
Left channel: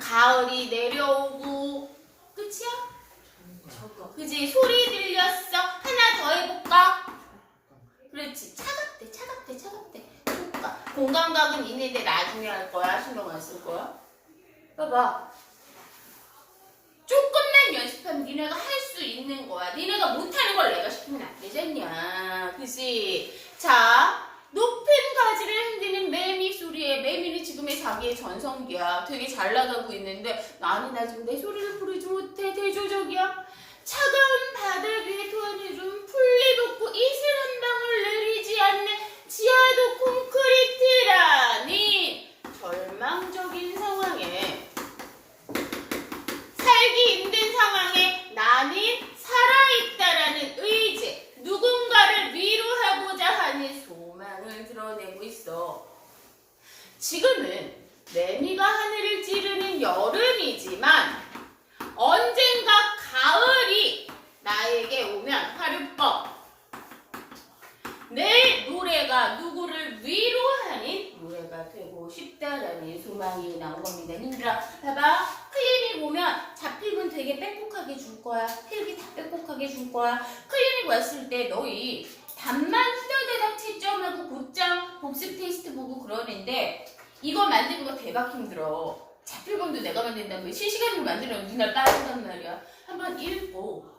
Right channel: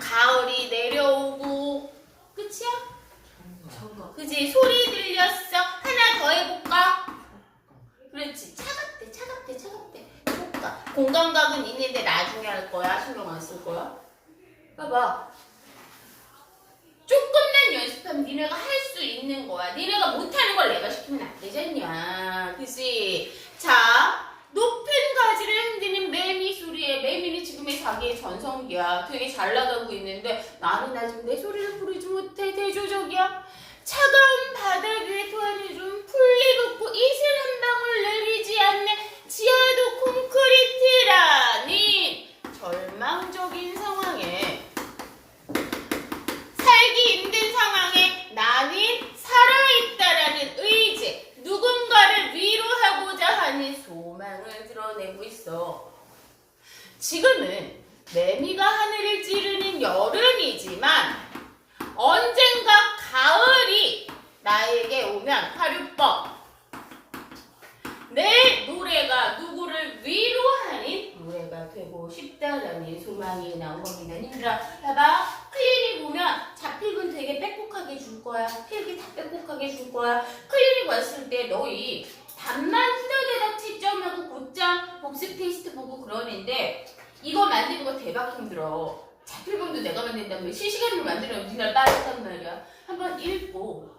가을이 내려오고 끝이야? 그지. 소리 들렸어. 하나 더 해볼까? 그렇지. 차갑대. 공감각은 있는데 나중에 할 거야. 신경 안 쓸 거야. 봐봐. 조금만 연습하면 니네가 할 수 있는 거야. 니네가 못하는 걸 내가 시키면 안 되잖냐. 그치? 자, 높은 가지를 흔드는 매미 소리에 매미는 지금의 자기 자기의 전성기야. 되게 잘 나가고 있는데 나는 아직 내 소리를 부르지 못해. 대조적이야. 차가운 바다 위에 토하늘은 풀리 돋고 이슬 한 방울 내리지 않는 지하도 콘크리트라니 절망적인 상황에 살기 힘든 상황에 나는 살아있다라는 의지, 누군가를 위로하고자 하는 소망을 드러내고 있어. 지금은 매미가 하늘을 찌르는 여름이지만 언젠가 가을이 나에게 오면 하룻밤 내 노래가 누구를 위로하는 노래가 되고 싶다라는 소망이 나온 겁니다. 님들아 봐봐. 클리닉 오면 자필분 되게 빽빽하게 줄 거야. 필기 다 빽빽하게 줄 거야. 클리닉 왔을 때 너희 답만 후다다닥 채점하고 곧장 복습 테스트 보고 그러는데 이거 만드는 거 대박 힘들어. 자필본도 내가 만든다면 실시간으로 만들면 우리나라 빠진단 말이야. 한번 읽고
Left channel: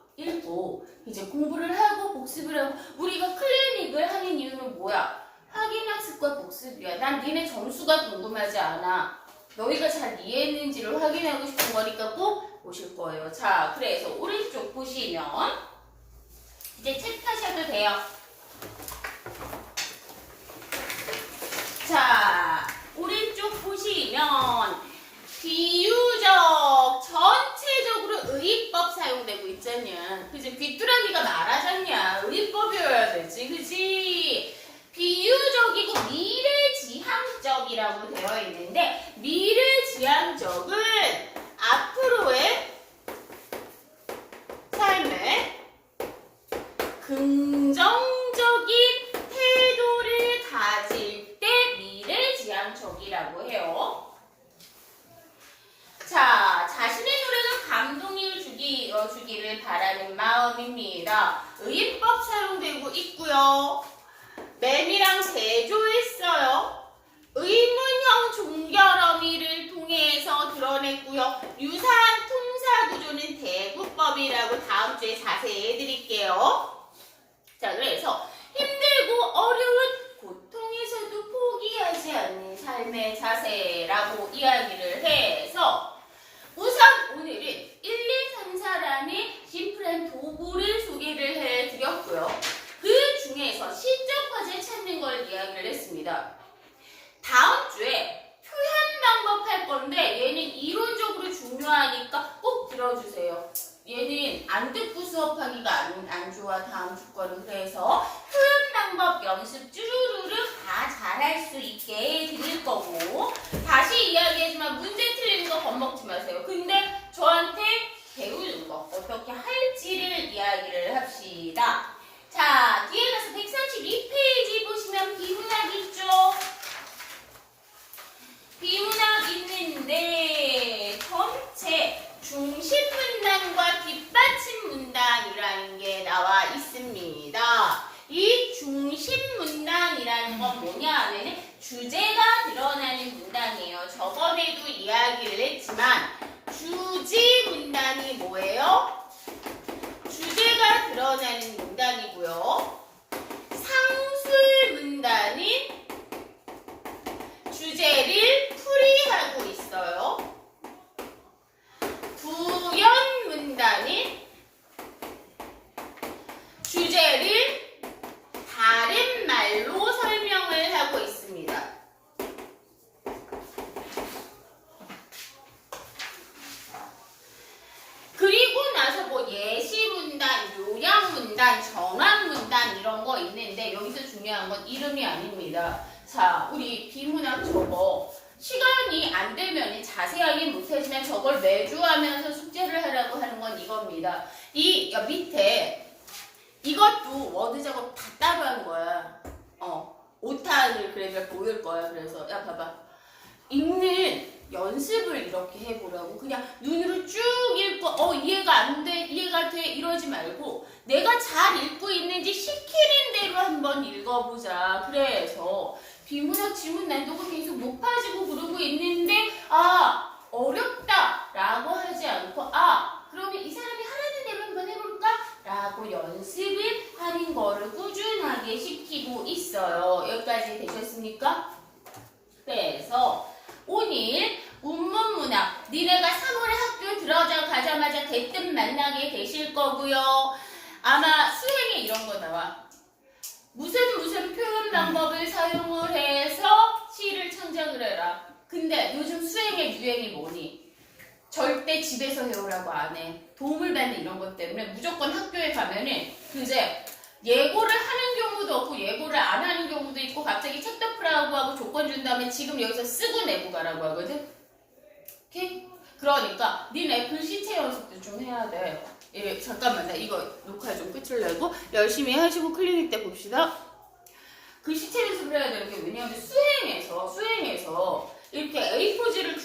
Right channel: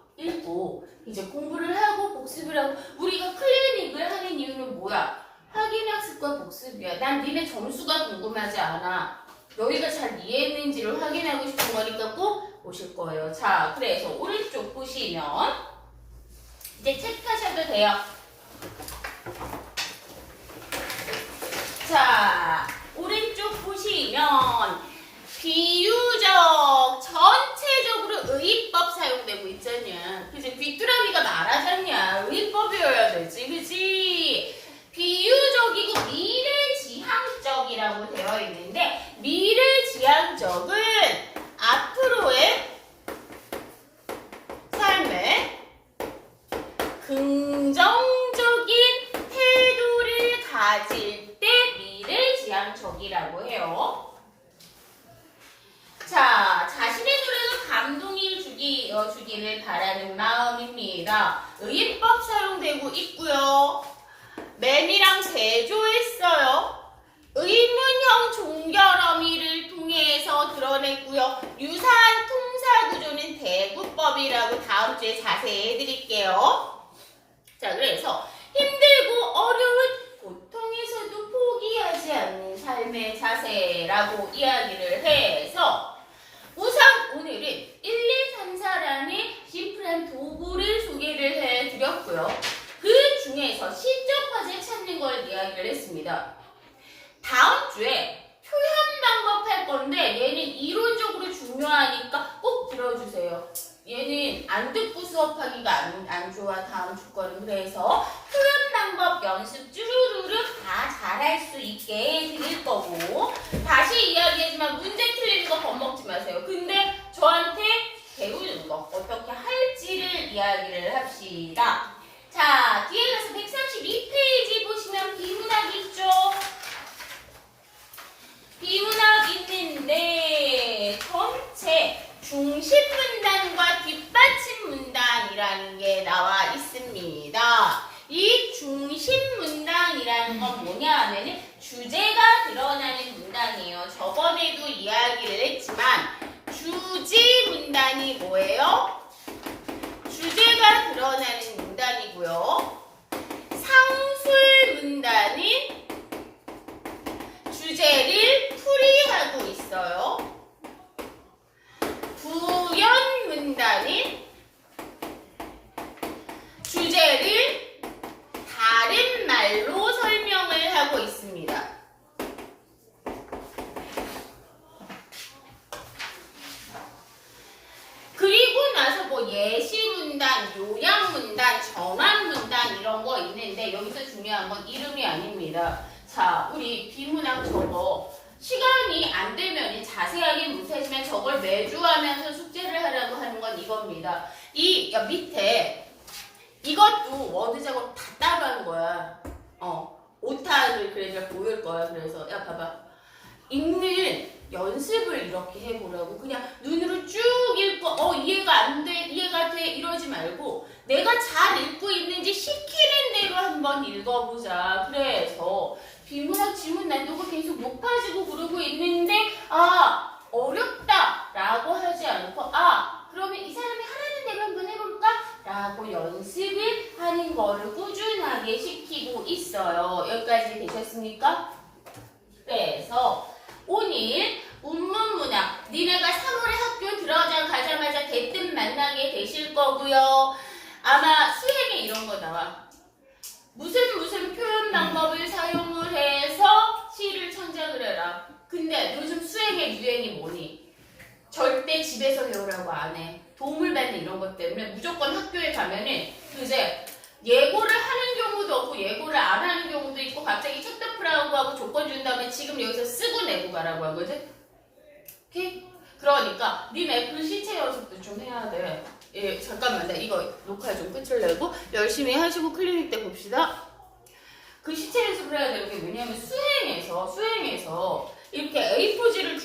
이제 공부를 하고 복습을 하고 우리가 클리닉을 하는 이유는 뭐야? 확인학습과 복습이야. 난 니네 점수가 궁금하지 않아. 너희가 잘 이해했는지를 확인하고 싶은 거니까 꼭 보실 거예요. 자, 그래서 오른쪽 보시면 이제 체크하셔도 돼요. 자, 오른쪽 보시면 비유적 전체적으로 의의법 사용되고 있잖냐. 그치? 귀뚜라미가 말하잖냐. 의의법이어야 되지. 그치? 비유적이고 미래지향적이라고 되어 있는데 미래지향적은 앞으로의 삶에 긍정적인 태도를 가질 때 미래지향적이라고 해요. 자, 자신의 노래가 감동을 주기를 바라는 마음입니다. 의인법 사용되고 있고요. 매미랑 대조했어요. 의문형 종결어미를 통해서 드러냈고요. 유사한 통사구조는 대구법이라고 다음 주에 자세히 해드릴게요. 자, 그래서 힘들고 어려운 고통에서도 포기하지 않는 삶의 자세라고 이야기를 해서 우선 오늘은 1, 2, 3, 4란의 심플한 도구를 소개를 해드렸고요. 그 중에서 시적 과제 찾는 걸 이야기를 했습니다. 다음 주에 표현 방법 할 건데 얘는 이론적으로 중요하니까 꼭 들어주세요. 얘는 안 듣고 수업하기가 안 좋아. 다음 주 거는. 그래서 표현 방법 연습 쭈루루루 다 잘할 수 있게 드릴 거고 다시 이야기하지만 문제 틀리는 거 겁먹지 마세요. 근데 저한테 배우는 거 어떻게 할지를 이야기를 합시다. 자, 뒤에 가서 132페이지 보시면 비문학 있죠? 비문학 있는데 전체 중심 문단과 뒷받침 문단이라는 게 나와 있습니다. 이 중심 문단이라는 건 뭐냐 하면은 주제가 드러나는 문단이에요. 저번에도 이야기를 했지만 주지 문단이 뭐예요? 주제가 드러나는 문단이고요. 상술 문단은 주제를 풀이하고 있어요. 부연 문단은 주제를 다른 말로 설명을 하고 있습니다. 그리고 나서 뭐 예시 문단, 요약 문단, 정한 문단 이런 거 있는데 여기서 중요한 건 이름이 아닙니다. 자, 우리 비문학 저거 시간이 안 되면 자세하게 못하지만 저걸 매주 하면서 숙제를 하라고 하는 건 이겁니다. 이 밑에 이것도 워드 작업 다 따로 하는 거야. 오타를 그래서 보일 거야. 그래서 야 봐봐. 읽는 연습을 이렇게 해보라고. 그냥 눈으로 쭉 읽고 이해가 안 돼, 이해가 돼 이러지 말고 내가 잘 읽고 있는지 시키는 대로 한번 읽어보자. 그래서 비문학 지문 난도가 계속 높아지고 그러고 있는데 어렵다 라고 하지 않고 그러면 이 사람이 하라는 대로 한번 해볼까? 라고 연습을 하는 거를 꾸준하게 시키고 있어요. 여기까지 되셨습니까? 그래서 오늘 운문문학 니네가 3월에 학교 들어가자마자 대뜸 만나게 되실 거고요. 아마 수행에 이런 거 나와. 무슨 표현 방법을 사용을 해서 시를 창작을 해라. 근데 요즘 수행의 유행이 뭐니? 절대 집에서 해오라고 안 해. 도움을 받는 이런 것 때문에 무조건 학교에 가면은 이제 예고를 하는 경우도 없고 예고를 안 하는 경우도 있고 갑자기 큐트프라고 하고 조건 준 다음에 지금 여기서 쓰고 내고 가라고 하거든. 오케이? 그러니까 니네 글씨체 연습도 좀 해야 돼. 예, 잠깐만, 나 이거 녹화 좀 끝을 내고 열심히 하시고 클리닉 때 봅시다. 글씨체 연습을 해야 되는 게 왜냐하면 수행에서 이렇게 A4지를